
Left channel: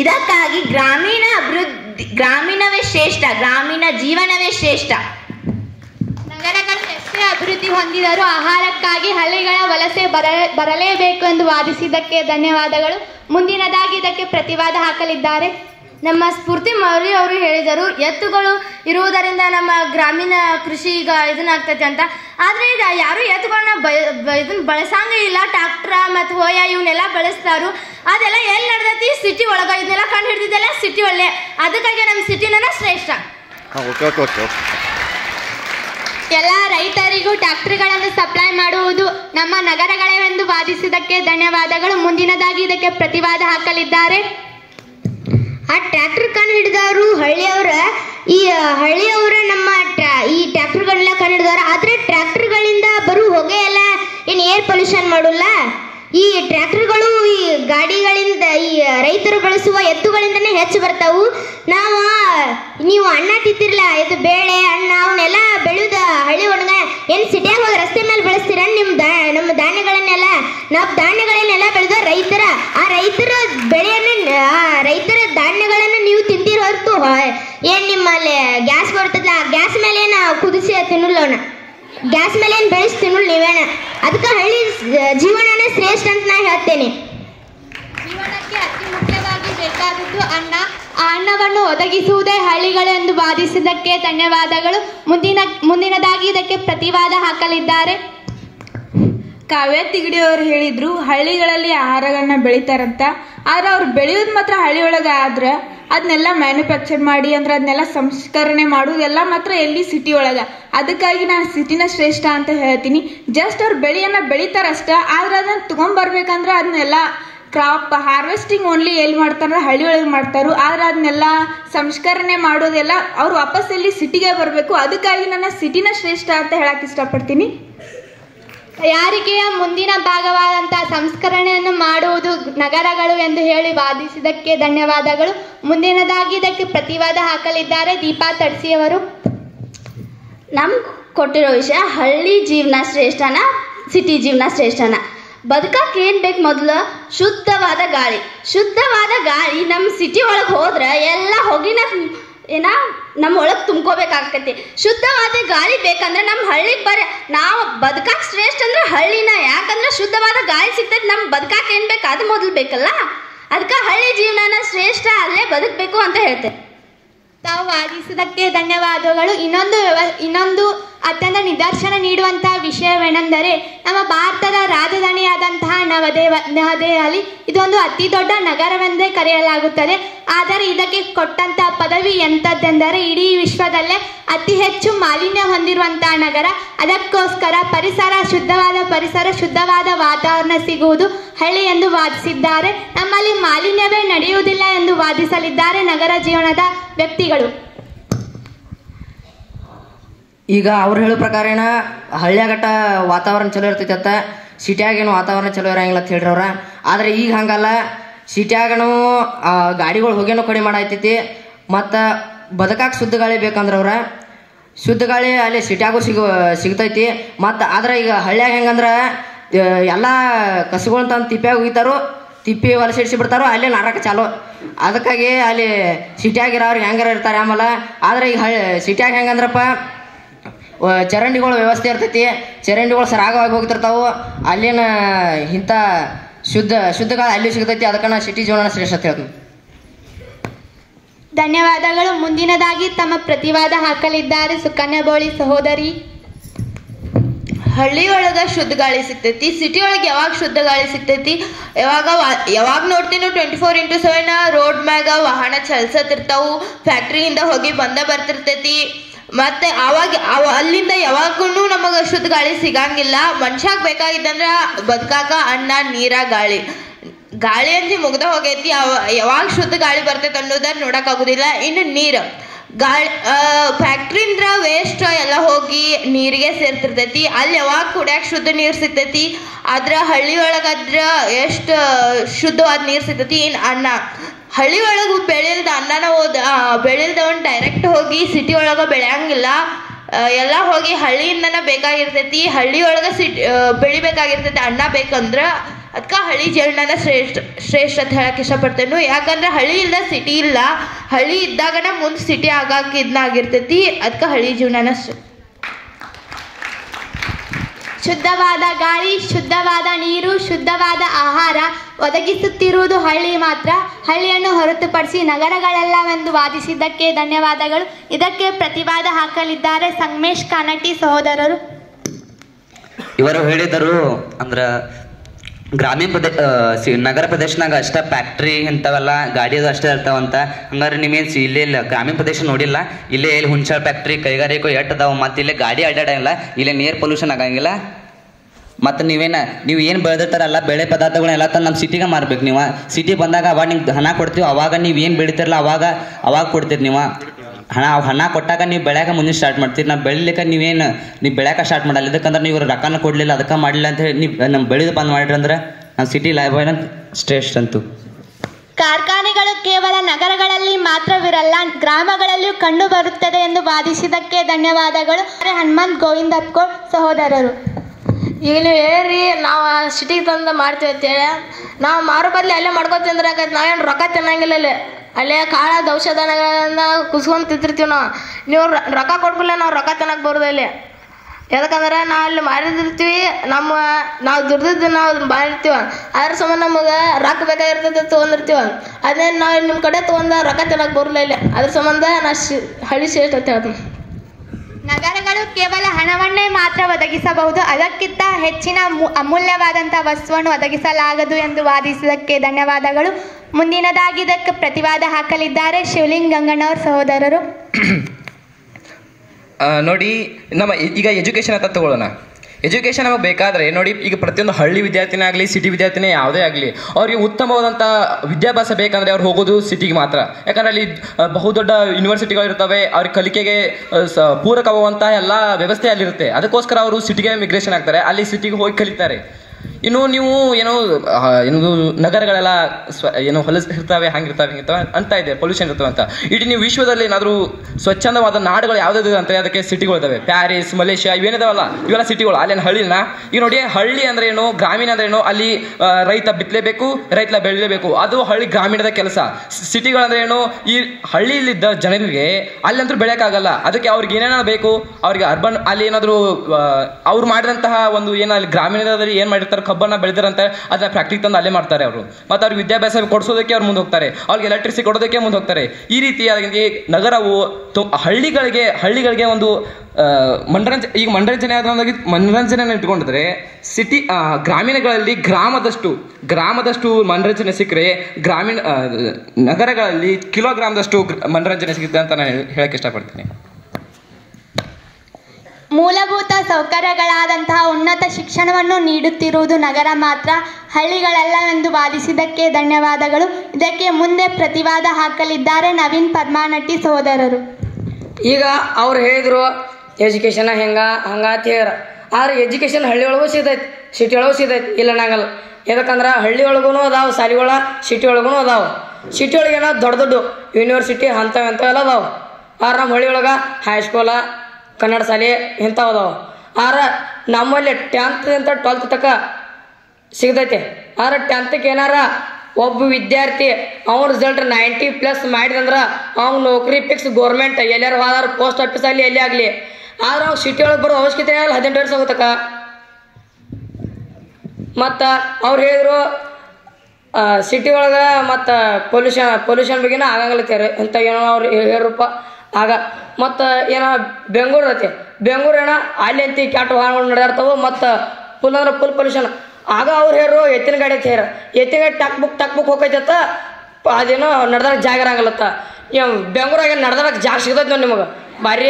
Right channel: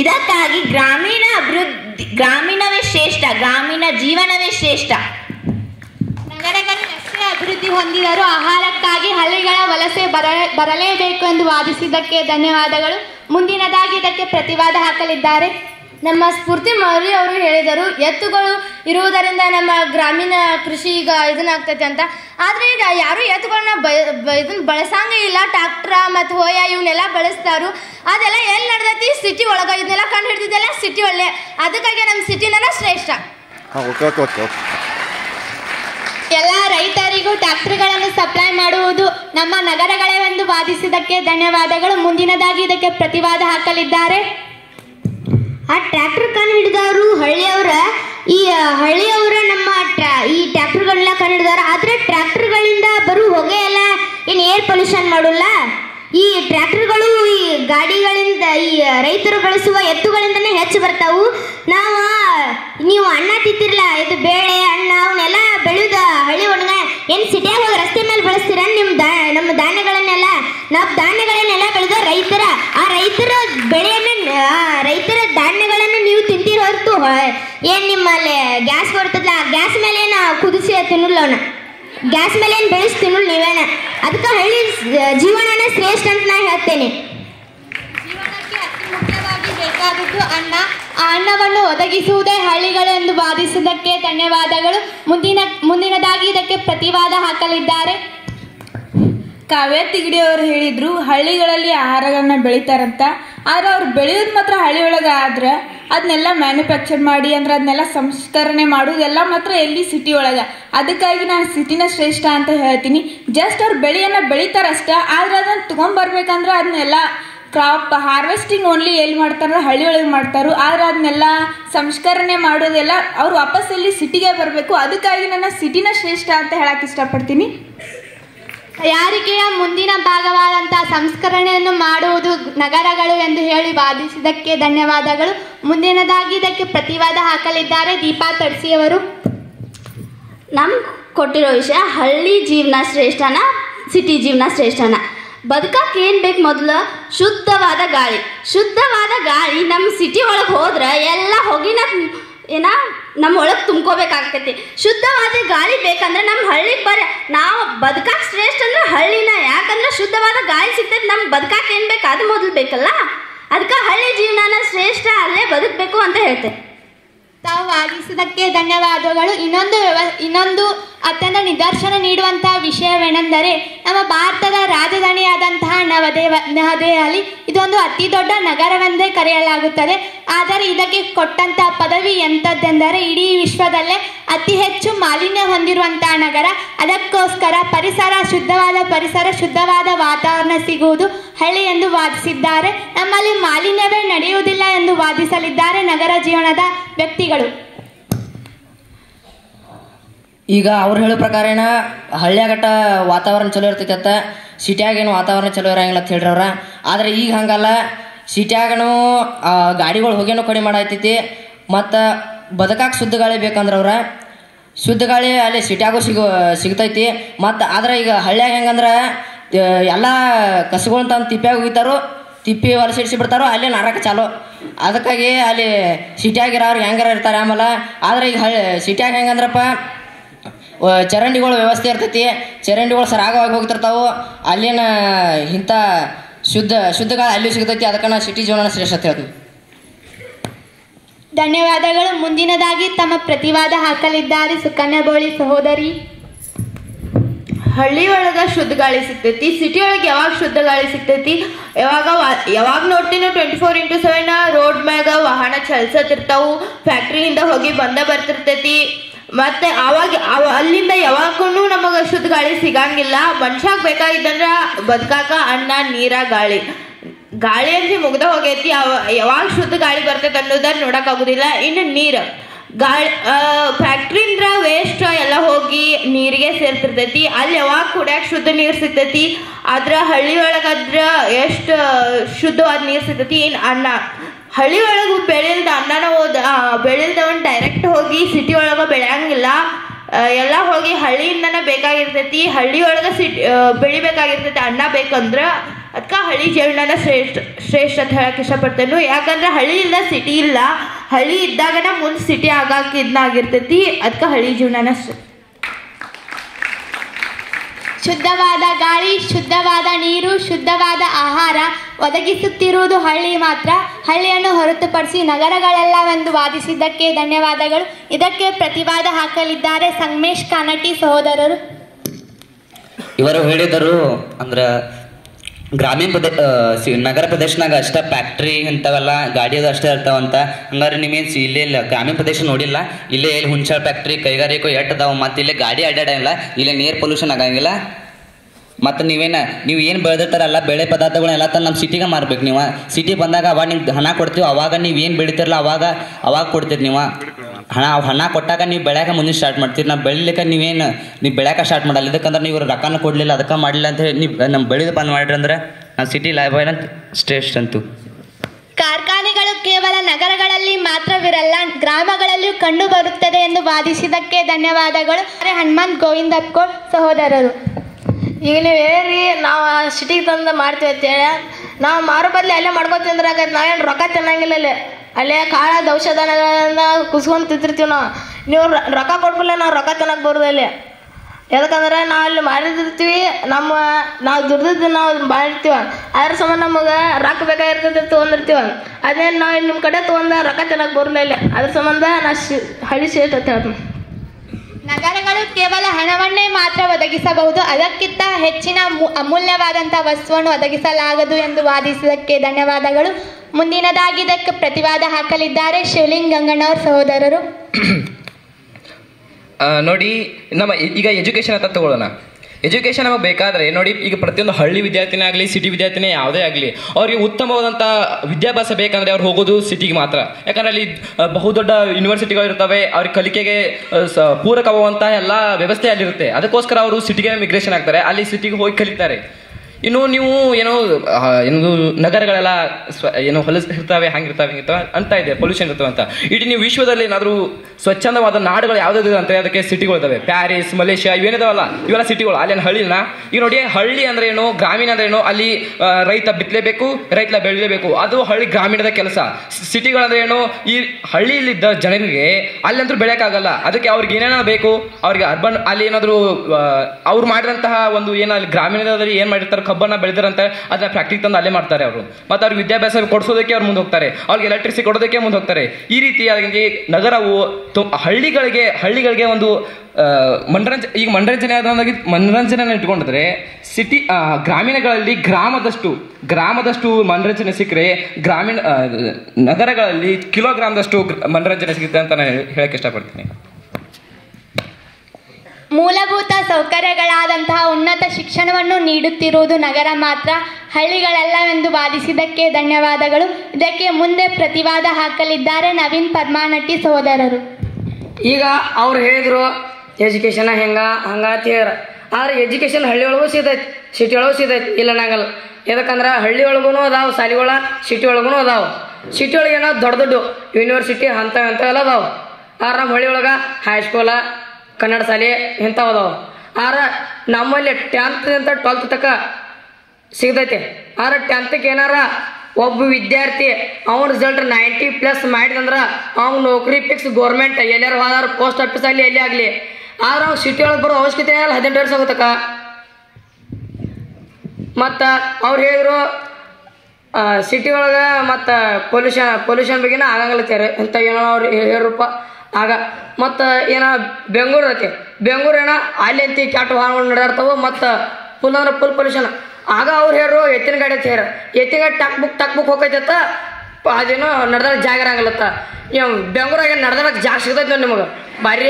ಇದಕ್ಕಾಗಿ ಗ್ರಾಮೀಣ ಅಭಿವೃದ್ಧಿ, ಗ್ರಾಮೀಣವೇ ಶ್ರೇಷ್ಠ, ಗ್ರಾಮೀಣ ಜೀವನವೇ ಶ್ರೇಷ್ಠ. ನಗರಗಳು ಎಷ್ಟೇ ಅಭಿವೃದ್ಧಿ ಹೊಂದಿದರೂ ಆಹಾರಕ್ಕಾಗಿ ಹಳ್ಳಿಗಳ ವಲಸೆ ಬರಲೇಬೇಕು ಎಂದು ವಾದಿಸಿದ್ದಕ್ಕೆ ಧನ್ಯವಾದಗಳು. ಮುಂದಿನದಾಗಿ ಇದಕ್ಕೆ ಪ್ರತಿವಾದ ಹಾಕಲಿದ್ದಾರೆ ನಮ್ಮ ಸ್ಫೂರ್ತಿ ಮೌರ್ಯ ಅವರು ಹೇಳಿದರು, ಎತ್ತುಗಳು ಇರುವುದರಿಂದ ನಮ್ಮ ಗ್ರಾಮೀಣ ಕೃಷಿ ಈಗ ಇದನ್ನಾಗ್ತೈತೆ ಅಂತ. ಆದರೆ ಈಗ ಯಾರು ಎತ್ತುಗಳನ್ನ ಇದನ್ನ ಬಳಸಂಗೇ ಇಲ್ಲ. ಟ್ರಾಕ್ಟರ್ ಮತ್ತು ಹೋಯ ಇವನ್ನೆಲ್ಲ ಬಳಸ್ತಾರು. ಅದೆಲ್ಲ ಎಲ್ಲಿ ನಡೆದೈತಿ? ಸಿಟಿ ಒಳಗೆ. ಇದನ್ನೆಲ್ಲ ಕಂಡು ಹಿಡಿದಿದ್ದೆಲ್ಲ ಸಿಟಿ ಒಳ್ಳೆ. ಅದಕ್ಕಾಗಿ ನಮ್ಮ ಸಿಟಿನ ಶ್ರೇಷ್ಠ. ಎಲ್ಲ ರೈತರಿಗೂ ಟ್ರಾಕ್ಟರ್ಗಳನ್ನು ಸಪ್ಲೈ ಮಾಡುವುದು ನಮ್ಮ ನಗರಗಳವೆಂದು ವಾದಿಸಿದ್ದಕ್ಕೆ ಧನ್ಯವಾದಗಳು. ಮುಂದಿನದಾಗಿ ಇದಕ್ಕೆ ಪ್ರತಿವಾದ ಹಾಕಲಿದ್ದಾರೆ. ಆ ಟ್ರ್ಯಾಕ್ಟರ್ ಕಂಡು ಹಿಡಿದವರು ಹಳ್ಳಿಯವರ, ಈ ಹಳ್ಳಿಯವರ ನಮ್ಮ ಈ ಟ್ರ್ಯಾಕ್ಟರ್ಗಳನ್ನ ಕಂಡು ಹಿಡಿದವರು. ಆದರೆ ಟ್ರ್ಯಾಕ್ಟರ್ಗಳಿಂದ ಬರೋ ಹೊಗೆ ಎಲ್ಲ ಏನು ಏರ್ ಪೊಲ್ಯೂಷನ್ ಮಾಡೋಲ್ಲ. ಈ ಟ್ರ್ಯಾಕ್ಟರ್ಗಳು ಈ ಗಾಡಿಗಳಿಂದ, ಈ ರೈತರು ಬಳಸುವ ಎತ್ತುಗಳಿಂದನೇ ಹೆಚ್ಚು ಬರ್ತಾವು. ನೀವು ಅನ್ನ ತಿಂತಿರಲ್ಲ, ಇದು ಬೇಳೆ ಅನ್ನ ಅವನ್ನೆಲ್ಲ ಬೆಳೆದ ಹಳ್ಳಿ ಒಳಗೆ ಏನು ಸಿಟಿಯಾಗ ರಸ್ತೆ ಮೇಲೆ ಬಳಸ್ತೀರ? ನಮ್ಮ ಧಾನ್ಯಗಳನ್ನೆಲ್ಲ, ನಾವು ಧಾನ್ಯಗಳನ್ನೆಲ್ಲ ಬೆಳೆದ ರೈತರ, ಆ ರೈತರ ಬೆಳೆಯನ್ನ, ರೈತರ ಧಾನ್ಯಗಳನ್ನು ನೀವು ತಿಂತೀರ ಹೊರತು ಏನು ನಿಮ್ಮಲ್ಲಿ ಗ್ಯಾಸ್ ಬರ್ತದಲ್ಲ, ಆ ಗ್ಯಾಸ್ ಮೇಲೆ ಏನು ಕುದಿಸಿ ತಿನ್ನಲ್ಲ, ಅವನ ಗ್ಯಾಸ್ ಮೇಲೆ ಏನು ಬೆಳೆಸಿ ತಿನ್ನಲ್ಲ ನೀವೇನ. ಅದಕ್ಕೆ ಹಳ್ಳಿ ಜೀವನನೇ ಶ್ರೇಷ್ಠ ಅಂತ ನಾನು ಹೇಳ್ತೇನೆ. ಜೀವನಕ್ಕೆ ಅತಿ ಮುಖ್ಯವಾಗಿ ಬೇಕಾದದ್ದು ಅನ್ನ. ಆ ಅನ್ನವನ್ನು ಒದಗಿಸುವುದೇ ಹಳ್ಳಿಗಳೆಂದು ವಾದಿಸಿದ್ದಕ್ಕೆ ಧನ್ಯವಾದಗಳು. ಮುಂದಿನದಾಗಿ ಇದಕ್ಕೆ ಪ್ರತಿವಾದ ಹಾಕಲಿದ್ದಾರೆ. ಕಾವ್ಯ ತಿಗಡಿ ಅವರು ಹೇಳಿದ್ರು, ಹಳ್ಳಿಗಳಲ್ಲಿ ಆಹಾರಗಳನ್ನ ಬೆಳಿತಾರಂತ. ಆದ್ರೆ ಅವ್ರು ಬೆಳೆಯೋದು ಮಾತ್ರ ಹಳ್ಳಿ ಒಳಗೆ. ಆದ್ರೆ ಅದನ್ನೆಲ್ಲ ಮ್ಯಾನುಫ್ಯಾಕ್ಚರ್ ಮಾಡಿ ಅಂದ್ರೆ ಅದನ್ನೆಲ್ಲ ಸಂಸ್ಕರಣೆ ಮಾಡೋದೆಲ್ಲ ಮಾತ್ರ ಎಲ್ಲಿ ಸಿಟಿ ಒಳಗೆ. ಅದಕ್ಕಾಗಿ ನಾನು ಸಿಟಿನ ಶ್ರೇಷ್ಠ ಅಂತ ಹೇಳ್ತೀನಿ. ಜಸ್ಟ್ ಅವ್ರು ಬೆಳೆಯನ್ನ ಬೆಳಿತಾರಷ್ಟೇ. ಆದ್ರೆ ಅದನ್ನ ತಗೊಂಡ್ಬರ್ಬೇಕಂದ್ರೆ ಅದನ್ನೆಲ್ಲ ಕ್ರಾಪ್ ಹಾರ್ವೆಸ್ಟಿಂಗ್ ಓನ್ಲಿ ಎಲ್ಲಿ ಮಾಡ್ತಾರ? ಹಳ್ಳಿ ಒಳಗೆ ಮಾಡ್ತಾರೋ. ಆದ್ರೆ ಅದನ್ನೆಲ್ಲ ಸಂಸ್ಕರಣೆ ಮಾಡೋದೆಲ್ಲ ಅವ್ರು ವಾಪಸ್ ಎಲ್ಲಿ ಸಿಟಿಗೆ ಬರಬೇಕು. ಅದಕ್ಕಾಗಿ ನನ್ನ ಸಿಟಿನ ಶ್ರೇಷ್ಠ ಅಂತ ಹೇಳಕ್ ಇಷ್ಟಪಡ್ತೀನಿ. ತಯಾರಿಕೆಯ ಮುಂದಿನ ಭಾಗವಾದಂತಹ ಸಂಸ್ಕರಣೆಯನ್ನು ಮಾಡುವುದು ನಗರಗಳು ಎಂದು ಹೇಳಿ ವಾದಿಸಿದ್ದಕ್ಕೆ ಧನ್ಯವಾದಗಳು. ಮುಂದಿನದಾಗಿ ಇದಕ್ಕೆ ಪ್ರತಿವಾದ ಹಾಕಲಿದ್ದಾರೆ ದೀಪಾ ತಡ್ಸಿಯವರು. ನಮ್ಗೆ ಕೊಟ್ಟಿರೋ ವಿಷಯ, ಹಳ್ಳಿ ಜೀವನ ಶ್ರೇಷ್ಠನ, ಸಿಟಿ ಜೀವನ ಶ್ರೇಷ್ಠನ. ಬದುಕಕ್ಕೆ ಏನು ಬೇಕು? ಮೊದಲು ಶುದ್ಧವಾದ ಗಾಳಿ. ಶುದ್ಧವಾದ ಗಾಳಿ ನಮ್ಮ ಸಿಟಿ ಒಳಗೆ ಹೋದ್ರೆ ಎಲ್ಲ ಹೊಗಿನ ನಮ್ಮ ಒಳಗೆ ತುಂಬ್ಕೋಬೇಕಾಗ್ತೈತಿ. ಶುದ್ಧವಾದ ಗಾಳಿ ಬೇಕಂದ್ರೆ ನಮ್ಮ ಹಳ್ಳಿಗೆ ಬರ್ರಿ. ನಾವು ಬದುಕಕ್ಕೆ ಶ್ರೇಷ್ಠ ಅಂದ್ರೆ ಹಳ್ಳಿನ. ಯಾಕಂದ್ರೆ ಶುದ್ಧವಾದ ಗಾಳಿ ಸಿಗ್ತೈತಿ. ನಮ್ಗೆ ಬದುಕಕ್ಕೆ ಏನು ಬೇಕು? ಅದು ಮೊದಲು ಬೇಕಲ್ಲ. ಅದಕ್ಕೆ ಹಳ್ಳಿ ಜೀವನನ ಶ್ರೇಷ್ಠ, ಅಲ್ಲೇ ಬದುಕಬೇಕು ಅಂತ ಹೇಳ್ತೇನೆ. ತಾವು ವಾದಿಸಿದ್ದಕ್ಕೆ ಧನ್ಯವಾದಗಳು. ಇನ್ನೊಂದು ಅತ್ಯಂತ ನಿದರ್ಶನ ನೀಡುವಂತಹ ವಿಷಯವೇನೆಂದರೆ, ನಮ್ಮ ಭಾರತದ ರಾಜಧಾನಿಯಾದಂತಹ ನವದೆಹಲಿ ಇದೊಂದು ಅತಿ ದೊಡ್ಡ ನಗರವೆಂದೇ ಕರೆಯಲಾಗುತ್ತದೆ. ಆದರೆ ಇದಕ್ಕೆ ಕೊಟ್ಟಂತಹ ಪದವಿ ಎಂಥದ್ದೆಂದರೆ ಇಡೀ ವಿಶ್ವದಲ್ಲೇ ಅತಿ ಹೆಚ್ಚು ಮಾಲಿನ್ಯ ಹೊಂದಿರುವಂತಹ ನಗರ. ಅದಕ್ಕೋಸ್ಕರ ಶುದ್ಧವಾದ ವಾತಾವರಣ ಸಿಗುವುದು ಹಳ್ಳಿ ಎಂದು ವಾದಿಸಿದ್ದಾರೆ. ನಮ್ಮಲ್ಲಿ ಮಾಲಿನ್ಯವೇ ನಡೆಯುವುದಿಲ್ಲ ಎಂದು ವಾದಿಸಲಿದ್ದಾರೆ ನಗರ ಜೀವನದ ವ್ಯಕ್ತಿಗಳು. ಈಗ ಅವ್ರು ಹೇಳೋ ಪ್ರಕಾರ ಏನ ಹಳ್ಳಿಯಾಗಟ್ಟ ವಾತಾವರಣ ಚಲೋ ಇರ್ತೈತಿ ಅಂತ, ಸಿಟಿಯಾಗೇನು ವಾತಾವರಣ ಚಲೋ ಇರಂಗಿಲ್ಲ ಅಂತ ಹೇಳ್ರವ್ರ. ಆದರೆ ಈಗ ಹಂಗಲ್ಲ. ಸಿಟಿಯಾಗನು ಗಾಡಿಗಳು ಹೊಗೆನೂ ಕಡಿಮೆ ಮಾಡೈತೈತಿ. ಮತ್ತು ಬದುಕಾಕ ಶುದ್ಧ ಗಾಳಿ ಬೇಕಂದ್ರೆ ಶುದ್ಧ ಗಾಳಿ ಅಲ್ಲಿ ಸಿಟಿಯಾಗೂ ಸಿಗ್ತೈತಿ. ಮತ್ತು ಆದ್ರೆ ಈಗ ಹಳ್ಳಿಯಾಗ ಹೆಂಗಂದ್ರೆ ಎಲ್ಲ ಕಸುಗಳು ತಂದು ತಿಪ್ಪಿಯಾಗ ಹೋಗಿತಾರೋ, ತಿಪ್ಪಿ ಹೊಲ ಸಿಡಿಸಿ ಬಿಡ್ತಾರೋ, ಅಲ್ಲೇ ನಾಟಕ ಚಾಲು. ಅದಕ್ಕಾಗಿ ಅಲ್ಲಿ ಸಿಟಿಯಾಗಿರೋರು ಹೆಂಗಾರ ಇರ್ತಾರೆ ಆಮೇಲೆ. ಆದರೆ ಈಗ ಸಿಟಿಯಾಗ ಹೆಂಗಂದ್ರಪ್ಪ, ಚರಂಡಿಗಳು ವ್ಯವಸ್ಥೆ ಇರ್ತೈತಿ. ಚರಂಡಿಗಳು ಸರಾಗವಾಗಿ ಹೋಗ್ತಿರ್ತಾವೆ. ಅಲ್ಲಿನ ಇಂಥ ಶುದ್ಧ ಗಾಳಿ ಅಲ್ಲಿ ಸಿಗ್ತೈತಿ. ಅದಕ್ಕೆ ನಾ ಸಿಟಿ ಜೀವನ ಶ್ರೇಷ್ಠ ಅಂತ ಹೇಳ್ತೀನಿ. ಧನ್ಯವಾದಗಳು. ಮುಂದಿನದಾಗಿ ತಮ್ಮ ಪ್ರತಿವಾದ ಹಾಕಲಿದ್ದಾರೆ ಸುಕನ್ಯಾ ಬೋಳಿ ಸಹೋದರಿ. ಹಳ್ಳಿ ಒಳಗೆ ಶುದ್ಧ ಗಾಳಿ ಸಿಗ್ತೈತಿ. ಸಿಟಿ ಒಳಗೆ ಯಾವಾಗ ಶುದ್ಧ ಗಾಳಿ ಸಿಗ್ತೈತಿ? ಯಾವಾಗ ನೋಡ್ತೀನಿ 24x7 ರೋಡ್ ಮ್ಯಾಗ ವಾಹನ ಚಲಿಸತಿರ್ತಾವು. ಫ್ಯಾಕ್ಟ್ರಿಯಿಂದ ಹೋಗಿ ಬರ್ತಿರ್ತೈತಿ. ಮತ್ತೆ ಅಲ್ಲಿಂದ ಯಾವಾಗೂ ನಮಗೆ ಶುದ್ಧ ಗಾಳಿ ಸಿಗಂಗಿಲ್ಲ. ಮನುಷ್ಯಾಗ ಬೇಕಾಗಿದ್ದಂದ್ರ ಬದುಕಾಕ ಅನ್ನ, ನೀರ, ಗಾಳಿ ಅಂತ ಮುಗ್ದ ಹೋಗೈತಿ. ಯಾವಾಗ ಶುದ್ಧ ಗಾಳಿ ಬರ್ತೈತೆ ಅನ್ನೋದನ್ನ ನೋಡಕ್ ಆಗುದಿಲ್ಲ. ಇನ್ನು ಫ್ಯಾಕ್ಟ್ರಿಯಿಂದ ವೇಸ್ಟ್ ಎಲ್ಲ ಹೋಗಿ ನೀರಿಗೆ ಸೇರ್ತಿರ್ತೈತಿ. ಅಲ್ಲಿ ಯಾವಾಗ ಕುಡಿಯಾಕ ಶುದ್ಧ ನೀರು ಸಿಗ್ತೈತಿ, ಆದ್ರೆ ಹಳ್ಳಿ ಒಳಗಾದ್ರ ಎಷ್ಟು ಶುದ್ಧವಾದ ನೀರು ಸಿಗ್ತೈತಿ. ಏನು ಅನ್ನ ಹಳ್ಳಿ ಒಳಗೆ ಬೆಳೆಲ್ದ ಅನ್ನನ ಬೆಳೆಲ್ದವನ್ ಡೈರೆಕ್ಟ್ ಹೋಗಿ ಸಿಟಿ ಒಳಗೆ ಬೆಳೆಯಂಗಿಲ್ಲ. ಎಲ್ಲ ಹೋಗಿ ಹಳ್ಳಿಯಿಂದನ ಬೇಕಾಗಿರ್ತೈತಿ. ಹಳ್ಳಿ ಒಳಗೆ ಬೆಳಿಬೇಕಾಗಿರ್ತೈತಿ ಅನ್ನ ಬೇಕಂದ್ರೆ. ಅದಕ್ಕೆ ಹಳ್ಳಿ ಜೀವನನ ಶ್ರೇಷ್ಠ ಅಂತ ಹೇಳಕ್ಕೆ ಇಷ್ಟಪಡ್ತೇನೆ. ಯಾಕಂದ್ರೆ ಹಳ್ಳಿ ಇಲ್ಲ, ಸಿಟಿ ಇಲ್ಲ. ಹಳ್ಳಿ ಇದ್ದಾಗನ ಮುಂದೆ ಸಿಟಿ ಆಗಾಕ ಇದನ್ನಾಗಿರ್ತೈತಿ. ಅದಕ್ಕೆ ಹಳ್ಳಿ ಜೀವನನ ಶುದ್ಧವಾದ ಗಾಳಿ, ಶುದ್ಧವಾದ ನೀರು, ಶುದ್ಧವಾದ ಆಹಾರ ಒದಗಿಸುತ್ತಿರುವುದು ಹಳ್ಳಿ ಮಾತ್ರ. ಹಳ್ಳಿಯನ್ನು ಹೊರತುಪಡಿಸಿ ನಗರಗಳೆಲ್ಲವೆಂದು ವಾದಿಸಿದ್ದಕ್ಕೆ ಧನ್ಯವಾದಗಳು. ಇದಕ್ಕೆ ಪ್ರತಿವಾದ ಹಾಕಲಿದ್ದಾರೆ ಸಂಗಮೇಶ್ ಕಾನಟಿ ಸಹೋದರರು. ಇವರು ಹೇಳಿದರು ಅಂದ್ರೆ ಗ್ರಾಮೀಣ ನಗರ ಪ್ರದೇಶನಾಗ ಅಷ್ಟೇ ಫ್ಯಾಕ್ಟ್ರಿ ಇಂಥವೆಲ್ಲ ಗಾಡಿ ಅದು ಅಷ್ಟೇ ಇರ್ತಾವಂತ. ಹಂಗಾರೆ ನೀವೇನು ಇಲ್ಲೇ ಇಲ್ಲ ಗ್ರಾಮೀಣ ಪ್ರದೇಶ ನೋಡಿಲ್ಲ. ಇಲ್ಲೇ ಎಲ್ಲಿ ಹುಂಚಾಳ ಫ್ಯಾಕ್ಟ್ರಿ ಕೈಗಾರಿಕೆ ಎಟ್ಟು ಅದಾವ. ಮತ್ತು ಇಲ್ಲೇ ಗಾಡಿ ಅಡ್ಡಾಡಂಗಿಲ್ಲ, ಇಲ್ಲೇ ನೀರು ಪೊಲ್ಯೂಷನ್ ಆಗಂಗಿಲ್ಲ. ಮತ್ತು ನೀವು ಏನು ಬೆಳೆದಿರ್ತಾರಲ್ಲ ಬೆಳೆ ಪದಾರ್ಥಗಳನ್ನೆಲ್ಲ ತಂದು ನಮ್ಮ ಸಿಟಿಗೆ ಮಾರ್ಬೇಕು. ನೀವು ಸಿಟಿ ಬಂದಾಗ ಅವಾಗ ನಿಮ್ಗೆ ಹಣ ಕೊಡ್ತೀವಿ. ಅವಾಗ ನೀವು ಏನು ಬೆಳಿತೀರಲ್ಲ ಅವಾಗ ಕೊಡ್ತೀರಿ. ನೀವು ಹಣ ಕೊಟ್ಟಾಗ ನೀವು ಬೆಳೆಯೋಕೆ ಮುಂದೆ ಸ್ಟಾರ್ಟ್ ಮಾಡ್ತೀರಿ. ನಾವು ಬೆಳಿಲಿಕ್ಕೆ ನೀವು ಬೆಳೆಯೋಕೆ ಸ್ಟಾರ್ಟ್ ಮಾಡಲ್ಲ. ಇದಕ್ಕಂದ್ರೆ ನೀವು ರೊಕ್ಕನ ಕೊಡಲಿಲ್ಲ, ಅದಕ್ಕೆ ಮಾಡಲಿಲ್ಲ ಅಂತ ಹೇಳಿ ನೀವು ನಮ್ಮ ಬೆಳೆದು ಬಂದ್ ಮಾಡಿರಿ ಅಂದ್ರೆ ನಾವು ಸಿಟಿ ಲೈಫ್ ಶ್ರೇಷ್ಠ ಅಂತು. ಕಾರ್ಖಾನೆಗಳು ಕೇವಲ ನಗರಗಳಲ್ಲಿ ಮಾತ್ರವಿರಲ್ಲ, ಗ್ರಾಮಗಳಲ್ಲಿಯೂ ಕಂಡು ಬರುತ್ತದೆ ಎಂದು ವಾದಿಸಿದ್ದಕ್ಕೆ ಧನ್ಯವಾದಗಳು. ಹನುಮಂತ್ ಗೋವಿಂದಪ್ಕೋಳ್ ಸಹೋದರರು. ಈಗ ನೀವು ಹೇಳ್ರಿ ನಾವು ಸಿಟಿಗೆ ತಂದು ಮಾಡ್ತೀವಿ ಅಂತೇಳಿ, ನಾವು ಮಾರೋ ಬದಲಿ ಅಲ್ಲೇ ಮಾಡ್ಕೊತಿಂದ್ರೆ ಆಗತ್ತೆ. ನಾವೇನು ರೊಕ್ಕ ತಿನ್ನಂಗಿಲ್ಲ. ಅಲ್ಲೇ ಕಾಳದ ಔಷಧಗಳನ್ನ ಕುಸ್ಕೊಂಡು ತಿಂತಿರ್ತೀವಿ. ನೀವು ರೊಕ್ಕ ಕೊಟ್ಬಿಲ್ಲ ನಾವು ರೊಕ್ಕ ತಿನ್ನಕ್ಕೆ ಬರೋದಲ್ಲಿ. ಯಾಕಂದ್ರೆ ನಾವು ಅಲ್ಲಿ ಮಾಡಿರ್ತೀವಿ, ನಾವು ದುಡ್ದಿದ್ದು ನಾವು ಮಾಡಿರ್ತೀವ. ಅದ್ರ ಸಂಬಂಧ ನಮಗೆ ರೊಕ್ಕ ಬೇಕಾಗಿರ್ತದೆ ತೊಗೊಂಡಿರ್ತೀವ. ಅದೇ ನಾವು ನಿಮ್ಮ ಕಡೆ ತೊಗೊಂಡ ರೊಕ್ಕ ತಿನ್ನಕ್ಕೆ ಬರಲಿಲ್ಲ. ಅದ್ರ ಸಂಬಂಧ ನಾ ಹಳ್ಳಿ ಶ್ರೇಷ್ಠ ಅಂತ ಹೇಳ್ತೀನಿ. ನಗರಗಳು ಕೇವಲ ಹಣವನ್ನೇ ಮಾತ್ರ ಒದಗಿಸಬಹುದು, ಅದಕ್ಕಿಂತ ಹೆಚ್ಚಿನ ಅಮೂಲ್ಯವಾದಂಥ ವಸ್ತುವನ್ನು ಒದಗಿಸಲಾಗದು ಎಂದು ವಾದಿಸಿದ್ದಕ್ಕೆ ಧನ್ಯವಾದಗಳು. ಮುಂದಿನದಾಗಿ ಇದಕ್ಕೆ ಪ್ರತಿವಾದ ಹಾಕಲಿದ್ದಾರೆ ಶಿವಲಿಂಗ್ ಗಂಗಣ್ಣವ್ರ ಸಹೋದರರು. ನೋಡಿ, ನಮ್ಮ ಈಗ ಎಜುಕೇಷನ್ ಅಂತ ತಗೊಳ್ಳೋಣ. ಎಜುಕೇಷನ್ ನಮಗೆ ಬೇಕಾದರೆ ನೋಡಿ, ಈಗ ಪ್ರತಿಯೊಂದು ಹಳ್ಳಿ ವಿದ್ಯಾರ್ಥಿನೇ ಆಗಲಿ ಸಿಟಿ ವಿದ್ಯಾರ್ಥಿನೇ ಯಾವುದೇ ಆಗಲಿ, ಅವರಿಗೆ ಉತ್ತಮವಾದಂಥ ವಿದ್ಯಾಭ್ಯಾಸ ಬೇಕಂದರೆ ಅವ್ರು ಹೋಗೋದು ಸಿಟಿಗೆ ಮಾತ್ರ. ಯಾಕಂದರೆ ಅಲ್ಲಿ ಬಹುದೊಡ್ಡ ಯೂನಿವರ್ಸಿಟಿಗಳು ಇರ್ತವೆ. ಅವ್ರ ಕಲಿಕೆಗೆ ಪೂರಕವಾಗುವಂಥ ಎಲ್ಲ ವ್ಯವಸ್ಥೆ ಅಲ್ಲಿರುತ್ತೆ. ಅದಕ್ಕೋಸ್ಕರ ಅವರು ಸಿಟಿಗೆ ಮಿಗ್ರೇಷನ್ ಆಗ್ತಾರೆ, ಅಲ್ಲಿ ಸಿಟಿಗೆ ಹೋಗಿ ಕಲಿತಾರೆ. ಇನ್ನು ನೀವು ಏನೋ ನಗರಗಳೆಲ್ಲ ಹೊಲಸಿರ್ತವೆ, ಹಂಗಿರ್ತವೆ ಅಂತ ಇದೆ, ಪೊಲ್ಯೂಷನ್ ಇರ್ತವೆ ಅಂತ. ಇಡೀ ನೀವು ವಿಶ್ವದಲ್ಲಿ ಏನಾದರೂ ಸ್ವಚ್ಛಂದವಾದ ನಾಡುಗಳು ಯಾವುದಾದ್ರು ಅಂತ ಅದಕ್ಕೆ ಸಿಟಿಗಳಿದ್ದಾವೆ. ಪ್ಯಾರಿಸ್, ಮಲೇಷ್ಯಾ ಇವೇನಿದಾವಲ್ಲ ಇವೆಲ್ಲ ಸಿಟಿಗಳು. ಅಲ್ಲೇನು ಹಳ್ಳಿನ ಈಗ ನೋಡಿ, ಹಳ್ಳಿ ಅಂದ್ರೆ ಏನು, ಗ್ರಾಮೀಣ ಅಂದ್ರೆ ಏನು, ಅಲ್ಲಿ ರೈತ ಬಿತ್ತಲೇಬೇಕು, ರೈತ ಬೆಳಿಲೇಬೇಕು. ಅದು ಹಳ್ಳಿ ಗ್ರಾಮೀಣದ ಕೆಲಸ. ಸಿಟಿಗಳಂದ್ರೆ ಏನು, ಈ ಹಳ್ಳಿಯಲ್ಲಿದ್ದ ಜನರಿಗೆ ಅಲ್ಲಂತೂ ಬೆಳೆಯೋಕ್ಕಾಗಲ್ಲ. ಅದಕ್ಕೆ ಅವ್ರಿಗೆ ಏನೇನೋ ಬೇಕು, ಅವ್ರಿಗೆ ಅರ್ಬನ್ ಅಲ್ಲಿ ಏನಾದರೂ ಅವ್ರು ಮಾಡಿದಂತಹ ಒಂದು ಅಲ್ಲಿ ಗ್ರಾಮೀಣದಲ್ಲಿ ಏನು ಮಾಡಿರ್ತಾರೆ, ಕಬ್ಬನ್ನ ಬೆಳೆದಾರಂತ ಅದನ್ನ ಫ್ಯಾಕ್ಟ್ರಿಗೆ ತಂದು ಅಲ್ಲೇ ಮಾಡ್ತಾರೆ ಅವರು. ಮತ್ತು ಅವ್ರಿಗೆ ವಿದ್ಯಾಭ್ಯಾಸ ಕೊಡಿಸೋದಕ್ಕೆ ಅವ್ರು ಮುಂದೆ ಹೋಗ್ತಾರೆ, ಅವ್ರಿಗೆ ಎಲೆಕ್ಟ್ರಿಸಿಟಿ ಕೊಡೋದಕ್ಕೆ ಮುಂದೆ ಹೋಗ್ತಾರೆ. ಈ ರೀತಿಯಾಗಿ ನಗರವು ಹಳ್ಳಿಗಳಿಗೆ ಒಂದು ಮನರಂಜನೆ ಇಟ್ಕೊಂಡಿದ್ರೆ ಸಿಟಿ ಗ್ರಾಮೀಣಗಳಲ್ಲಿ ಗ್ರಾಮದಷ್ಟು ಮನರಂಜನೆ ಸಿಕ್ಕರೆ ನಗರಗಳಲ್ಲಿ ಕಿಲೋಗ್ರಾಮ್ದಷ್ಟು ಮನರಂಜನೆ ಸಿಗುತ್ತೆ ಅಂತ ನಾನು ಹೇಳಕ್ಕೆ ಇಷ್ಟಪಡ್ತೀನಿ. ಮೂಲಭೂತ ಸೌಕರ್ಯಗಳಾದಂತಹ ಉನ್ನತ ಶಿಕ್ಷಣವನ್ನು ನೀಡುತ್ತಿರುವುದು ನಗರ ಮಾತ್ರ, ಹಳ್ಳಿಗಳಲ್ಲ ಎಂದು ವಾದಿಸಿದ್ದಕ್ಕೆ ಧನ್ಯವಾದಗಳು. ಇದಕ್ಕೆ ಮುಂದೆ ಪ್ರತಿವಾದ ಹಾಕಲಿದ್ದಾರೆ ನವೀನ್ ಪದ್ಮಾನಟ್ಟಿ ಸಹೋದರರು. ಈಗ ಅವ್ರು ಹೇಳಿದ್ರು ಎಜುಕೇಷನ್ ಹಂಗಾತಿಯರ. ಆದ್ರೆ ಎಜುಕೇಷನ್ ಹಳ್ಳಿ ಒಳಗೂ ಸಿಗ್ತೈತಿ, ಸಿಟಿ ಒಳಗೂ ಸಿಗ್ತೈತಿ, ಇಲ್ಲ ನಂಗಲ್ಲ. ಯಾಕಂದ್ರೆ ಹಳ್ಳಿ ಒಳಗೂ ಅದಾವ ಶಾಲೆಗಳ, ಸಿಟಿ ಒಳಗೂ ಅದಾವ. ಸಿಟಿ ಒಳಗೆ ಏನೋ ದೊಡ್ಡ ಯೂನಿವರ್ಸಿಟಿ ಅಂಥವೆಲ್ಲ ಅದಾವ. ಆದ್ರೆ ನಮ್ಮ ಹಳ್ಳಿ ಒಳಗೆ ಹೈಸ್ಕೂಲ, ಕನ್ನಡ ಶಾಲೆ ಇಂಥವು ಅದಾವ. ಆದ್ರೆ ನಮ್ಮಲ್ಲಿ 10th ಅಂತ 12th ತನಕ ಸಿಗ್ತೈತೆ. ಆದ್ರೆ 10th ಏನಾರ ಒಬ್ಬ ವಿದ್ಯಾರ್ಥಿ ಅವ್ನ ರಿಸಲ್ಟ್ 90+ ಮಾಡಿದಂದ್ರೆ ಅವ್ನ ನೌಕರಿ ಫಿಕ್ಸ್ ಗೌರ್ಮೆಂಟ್. ಎಲ್ಲಾರು ಹೋದಾರು ಪೋಸ್ಟ್ ಆಫೀಸಲ್ಲಿ ಎಲ್ಲಿ ಆಗಲಿ. ಆದ್ರೆ ಅವ್ನು ಸಿಟಿ ಒಳಗೆ ಬರೋ ಅವಶ್ಯಕತೆ ಇಲ್ಲ, 18 ವರ್ಷ ಆಗುತ್ತಕ್ಕ. ಮತ್ತು ಅವ್ರು ಹೇಳಿದ್ರು ಸಿಟಿ ಒಳಗೆ ಮತ್ತು ಪೊಲ್ಯೂಷನ್ ಬಗ್ಗೆನ ಆಗಂಗಿಲ್ಲತ್ತಾರೆ ಅಂತ ಏನೋ ಅವ್ರು ಹೇಳ್ರಪ್ಪ. ಆಗ ಮತ್ತು ಏನೋ ಬೆಂಗಳೂರು ಐತಿ, ಬೆಂಗಳೂರು ಏನೋ ಅಲ್ಲಿ ಅಂತಿ ಕೆಟ್ಟ ವಾಹನಗಳು ನಡಾಡ್ತಾವೆ, ಮತ್ತು ಫುಲ್ ಅಂದ್ರೆ ಫುಲ್ ಪೊಲ್ಯೂಷನ್. ಆಗ ಅವ್ರು ಹೇಳರು ಎತ್ತಿನ ಗಾಡಿ ಅಂತ ಹೇಳ, ಎತ್ತಿನ ಗಾಡಿ ಟಕ್ ಬುಕ್ ಹೋಗೈತತ್ತ, ಅದೇನೋ ನಡ್ದಾಗ ಜಾಗ ಇರಂಗಿಲ್ಲತ್ತ. ಬೆಂಗಳೂರಾಗ ನಡ್ದಾಗ ಜಾಗ ಸಿಗ್ತೈತೆ ನೋಡಿ ನಿಮಗೆ. ಭಾರಿ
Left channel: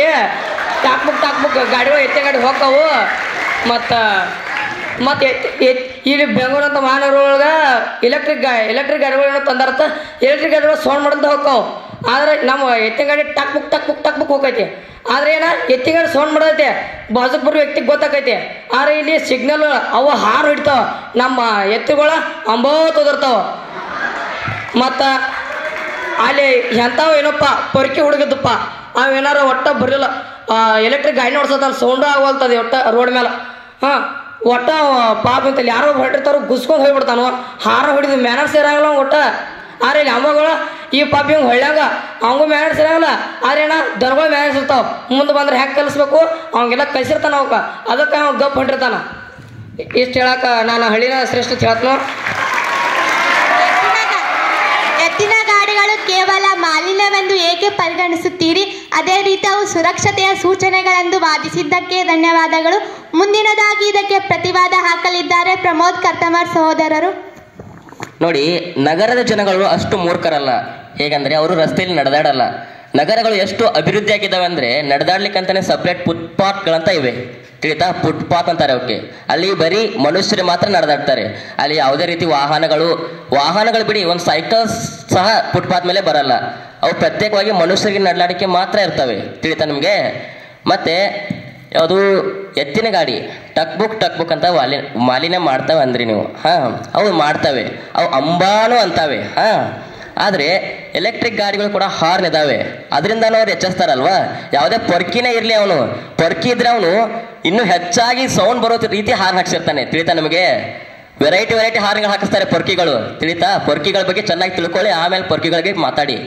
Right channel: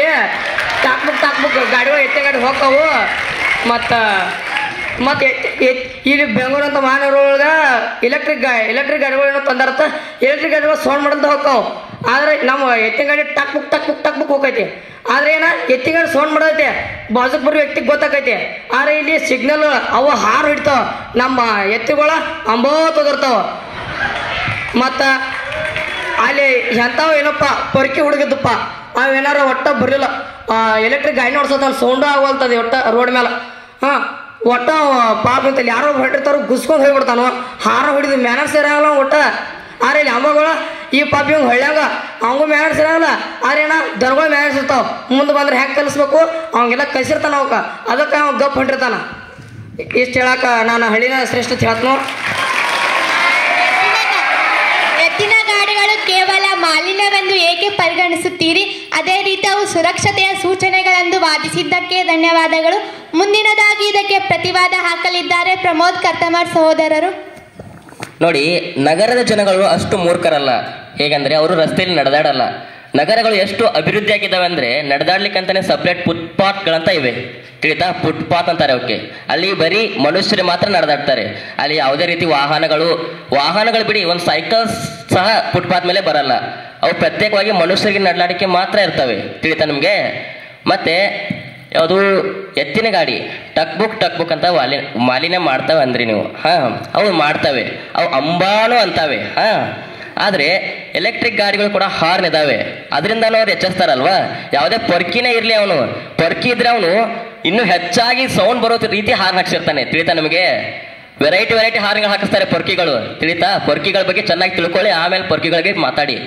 ಟಕ್ ಬುಕ್ ಗಾಡಿಗಳು ಎತ್ತಿನ ಗಾಡಿ ಹೋಗ್ತಾವು. ಮತ್ತು ಇಲ್ಲಿ ಬೆಂಗಳೂರು ಅಂತ ಮಹಾನಗರ ಒಳಗೆ ಎಲೆಕ್ಟ್ರಿಕ್ ಗಾಡಿಗಳನ್ನ ತಂದಾರತ್ತ. ಎಲೆಕ್ಟ್ರಿಕ್ ಗಾಡಿಗಳು ಸೌಂಡ್ ಮಾಡಂತ ಹೋಗ್ತಾವೆ. ಆದ್ರೆ ನಮ್ಮ ಎತ್ತಿನ ಗಾಡಿ ಟಕ್ ಬುಕ್ ಹೋಗೈತಿ. ಆದ್ರೆ ಏನ ಎತ್ತಿನ ಗಾಡಿ ಸೌಂಡ್ ಮಾಡೈತೆ, ಬಾಜುಕ್ ಬರೋ ವ್ಯಕ್ತಿಗೆ ಗೊತ್ತಾಕೈತಿ. ಆದ್ರೆ ಇಲ್ಲಿ ಸಿಗ್ನಲ್ ಅವ ಹಾರು ಹಿಡಿತಾವ, ನಮ್ಮ ಎತ್ತಿಗಳ ಅಂಬೋತೋದಿರ್ತಾವ. ಮತ್ತ ಅಲ್ಲಿ ಎಂತಾವ ಏನಪ್ಪ ಪೊರ್ಕಿ ಹುಡುಗಿದ್ದಪ್ಪ, ಅವೇನಾರ ಒಟ್ಟ ಬರಲಿಲ್ಲ, ಎಲೆಕ್ಟ್ರಿಕ್ ಗಾಡಿ ನೋಡ್ಸೋತಾನ, ಸೌಂಡು ಆಗವಲ್ತದೆ ಒಟ್ಟ ರೋಡ್ ಮೇಲೆ. ಒಟ್ಟ ಪಾಪ ಅಂತಲ್ಲಿ ಯಾರೋ ಹೊರಟಿರ್ತಾರೋ ಗುಸ್ಕೊಂಡು ಹೋಗ್ಬಿಡ್ತಾನೋ, ಹಾರ ಹೊಡಿದು ಮ್ಯಾನರ್ಸ್ ಇರಲ್ಲ ಒಟ್ಟ. ಆದ್ರೆ ಇಲ್ಲಿ ಅಮ್ಮಗಳು ಈ ಪಾಪ ಇವಂಗೆ ಹೊಳ್ಯಾಗ ಅವಂಗೂ ಮ್ಯಾನರ್ಸ್ ಇರಲ್ಲ. ಆದ್ರೆ ಏನ ದನಗಳು ಮ್ಯಾನರ್ಸ್ ಇರ್ತಾವ, ಮುಂದೆ ಬಂದ್ರೆ ಹೆಂಗೆ ಕಲಿಸ್ಬೇಕು ಅವಂಗೆಲ್ಲ ಕಲಿಸಿರ್ತಾನ ಅವಕ್ಕ, ಅದಕ್ಕೆ ಅವ ಗಪ್ ಹೊಂಟಿರ್ತಾನ. ಇಷ್ಟು ಹೇಳಕ್ಕ ನಾನು ಹಳ್ಳಿನ ಶ್ರೇಷ್ಠ ಹೇಳ್ತೀನಿ. ಎತ್ತಿನ ಗಾಡಿಗಳು ಕೇವಲ ಮಾಲಿನ್ಯವೆಂದು ಏಕೆ ಪರಿಗಣಿಸುತ್ತೀರಿ? ಅದೇ ರೀತಿ ಅವು ಸುರಕ್ಷತೆಯ ಸೂಚನೆಗಳೆಂದು ವಾದಿಸಿದ್ದಕ್ಕೆ ಧನ್ಯವಾದಗಳು. ಮುಂದಿನದಾಗಿ ಇದಕ್ಕೆ ಪ್ರತಿವಾದ ಹಾಕಲಿದ್ದಾರೆ ಪ್ರಮೋದ್ ಕರ್ತಮರ್ ಸಹೋದರರು. ನೋಡಿ, ನಗರದ ಜನಗಳು ಅಷ್ಟು ಮೂರ್ಖರಲ್ಲ. ಹೇಗೆಂದ್ರೆ ಅವರು ರಸ್ತೆಯಲ್ಲಿ ನಡೆದಾಡಲ್ಲ. ನಗರಗಳು ಎಷ್ಟು ಅಭಿವೃದ್ಧಿ ಆಗಿದ್ದಾವೆ ಅಂದ್ರೆ ನಡೆದಾಡ್ಲಿಕ್ಕಂತಾನೆ ಸಪ್ರೇಟ್ ಫುಟ್ಪಾತ್ಗಳಂತ ಇವೆ, ತಿಳಿತಾ? ಫುಟ್ಪಾತ್ ಅಂತಾರೆ ಅವಕ್ಕೆ. ಅಲ್ಲಿ ಬರೀ ಮನುಷ್ಯರು ಮಾತ್ರ ನಡೆದಾಡ್ತಾರೆ. ಅಲ್ಲಿ ಯಾವುದೇ ರೀತಿ ವಾಹನಗಳು ಬಿಡಿ, ಒಂದು ಸೈಕಲ್ ಸಹ ಫುಟ್ಪಾತ್ ಮೇಲೆ ಬರಲ್ಲ. ಅವು ಪ್ರತ್ಯೇಕವಾಗಿ ಮನುಷ್ಯರಿಗೆ ನಡಲಾಡಿಕೆ ಮಾತ್ರ ಇರ್ತವೆ, ತಿಳಿತಾ ನಿಮಗೆ? ಮತ್ತೆ ಯಾವುದು ಎತ್ತಿನ ಗಾಡಿ ಟಕ್ ಬುಕ್ ಅಂತ ಮಾಲಿನ್ಯ ಮಾಡ್ತವೆ ಅಂದ್ರಿ ನೀವು. ಅವು ಮಾಡ್ತವೆ, ಅವು ಅಂಬಾನು ಅಂತವೆ. ಆದರೆ ಎಲೆಕ್ಟ್ರಿಕ್ ಗಾಡಿಗಳು ಕೂಡ ಹಾರ್ನ್ ಇದಾವೆ, ಅದರಿಂದನೂ ಅವ್ರು ಎಚ್ಚರಿಸ್ತಾರಲ್ವಾ? ಯಾವುದೇ ಪೊರ್ಕಿನೇ ಇರಲಿ, ಅವನು ಪೊರ್ಕಿ ಇದ್ರೆ ಅವನು ಇನ್ನೂ ಹೆಚ್ಚಾಗಿ ಸೌಂಡ್ ಬರೋ ರೀತಿ ಹಾರ್ನ್ ಹಾಕ್ಸಿರ್ತಾನೆ, ತಿಳಿತಾ ನಿಮಗೆ? ವೆರೈಟಿ ಹಾರ್ನ್ಗಳು ಹಾಕಿಸ್ತಾರೆ ಪೊರ್ಕಿಗಳು, ತಿಳಿತಾ? ಪೊರ್ಕಿಗಳ ಬಗ್ಗೆ ಚೆನ್ನಾಗಿ ತಿಳ್ಕೊಳ್ಳಿ, ಆಮೇಲೆ ಪೊರ್ಕಿಗಳ ಬಗ್ಗೆ ಮಾತಾಡಿ.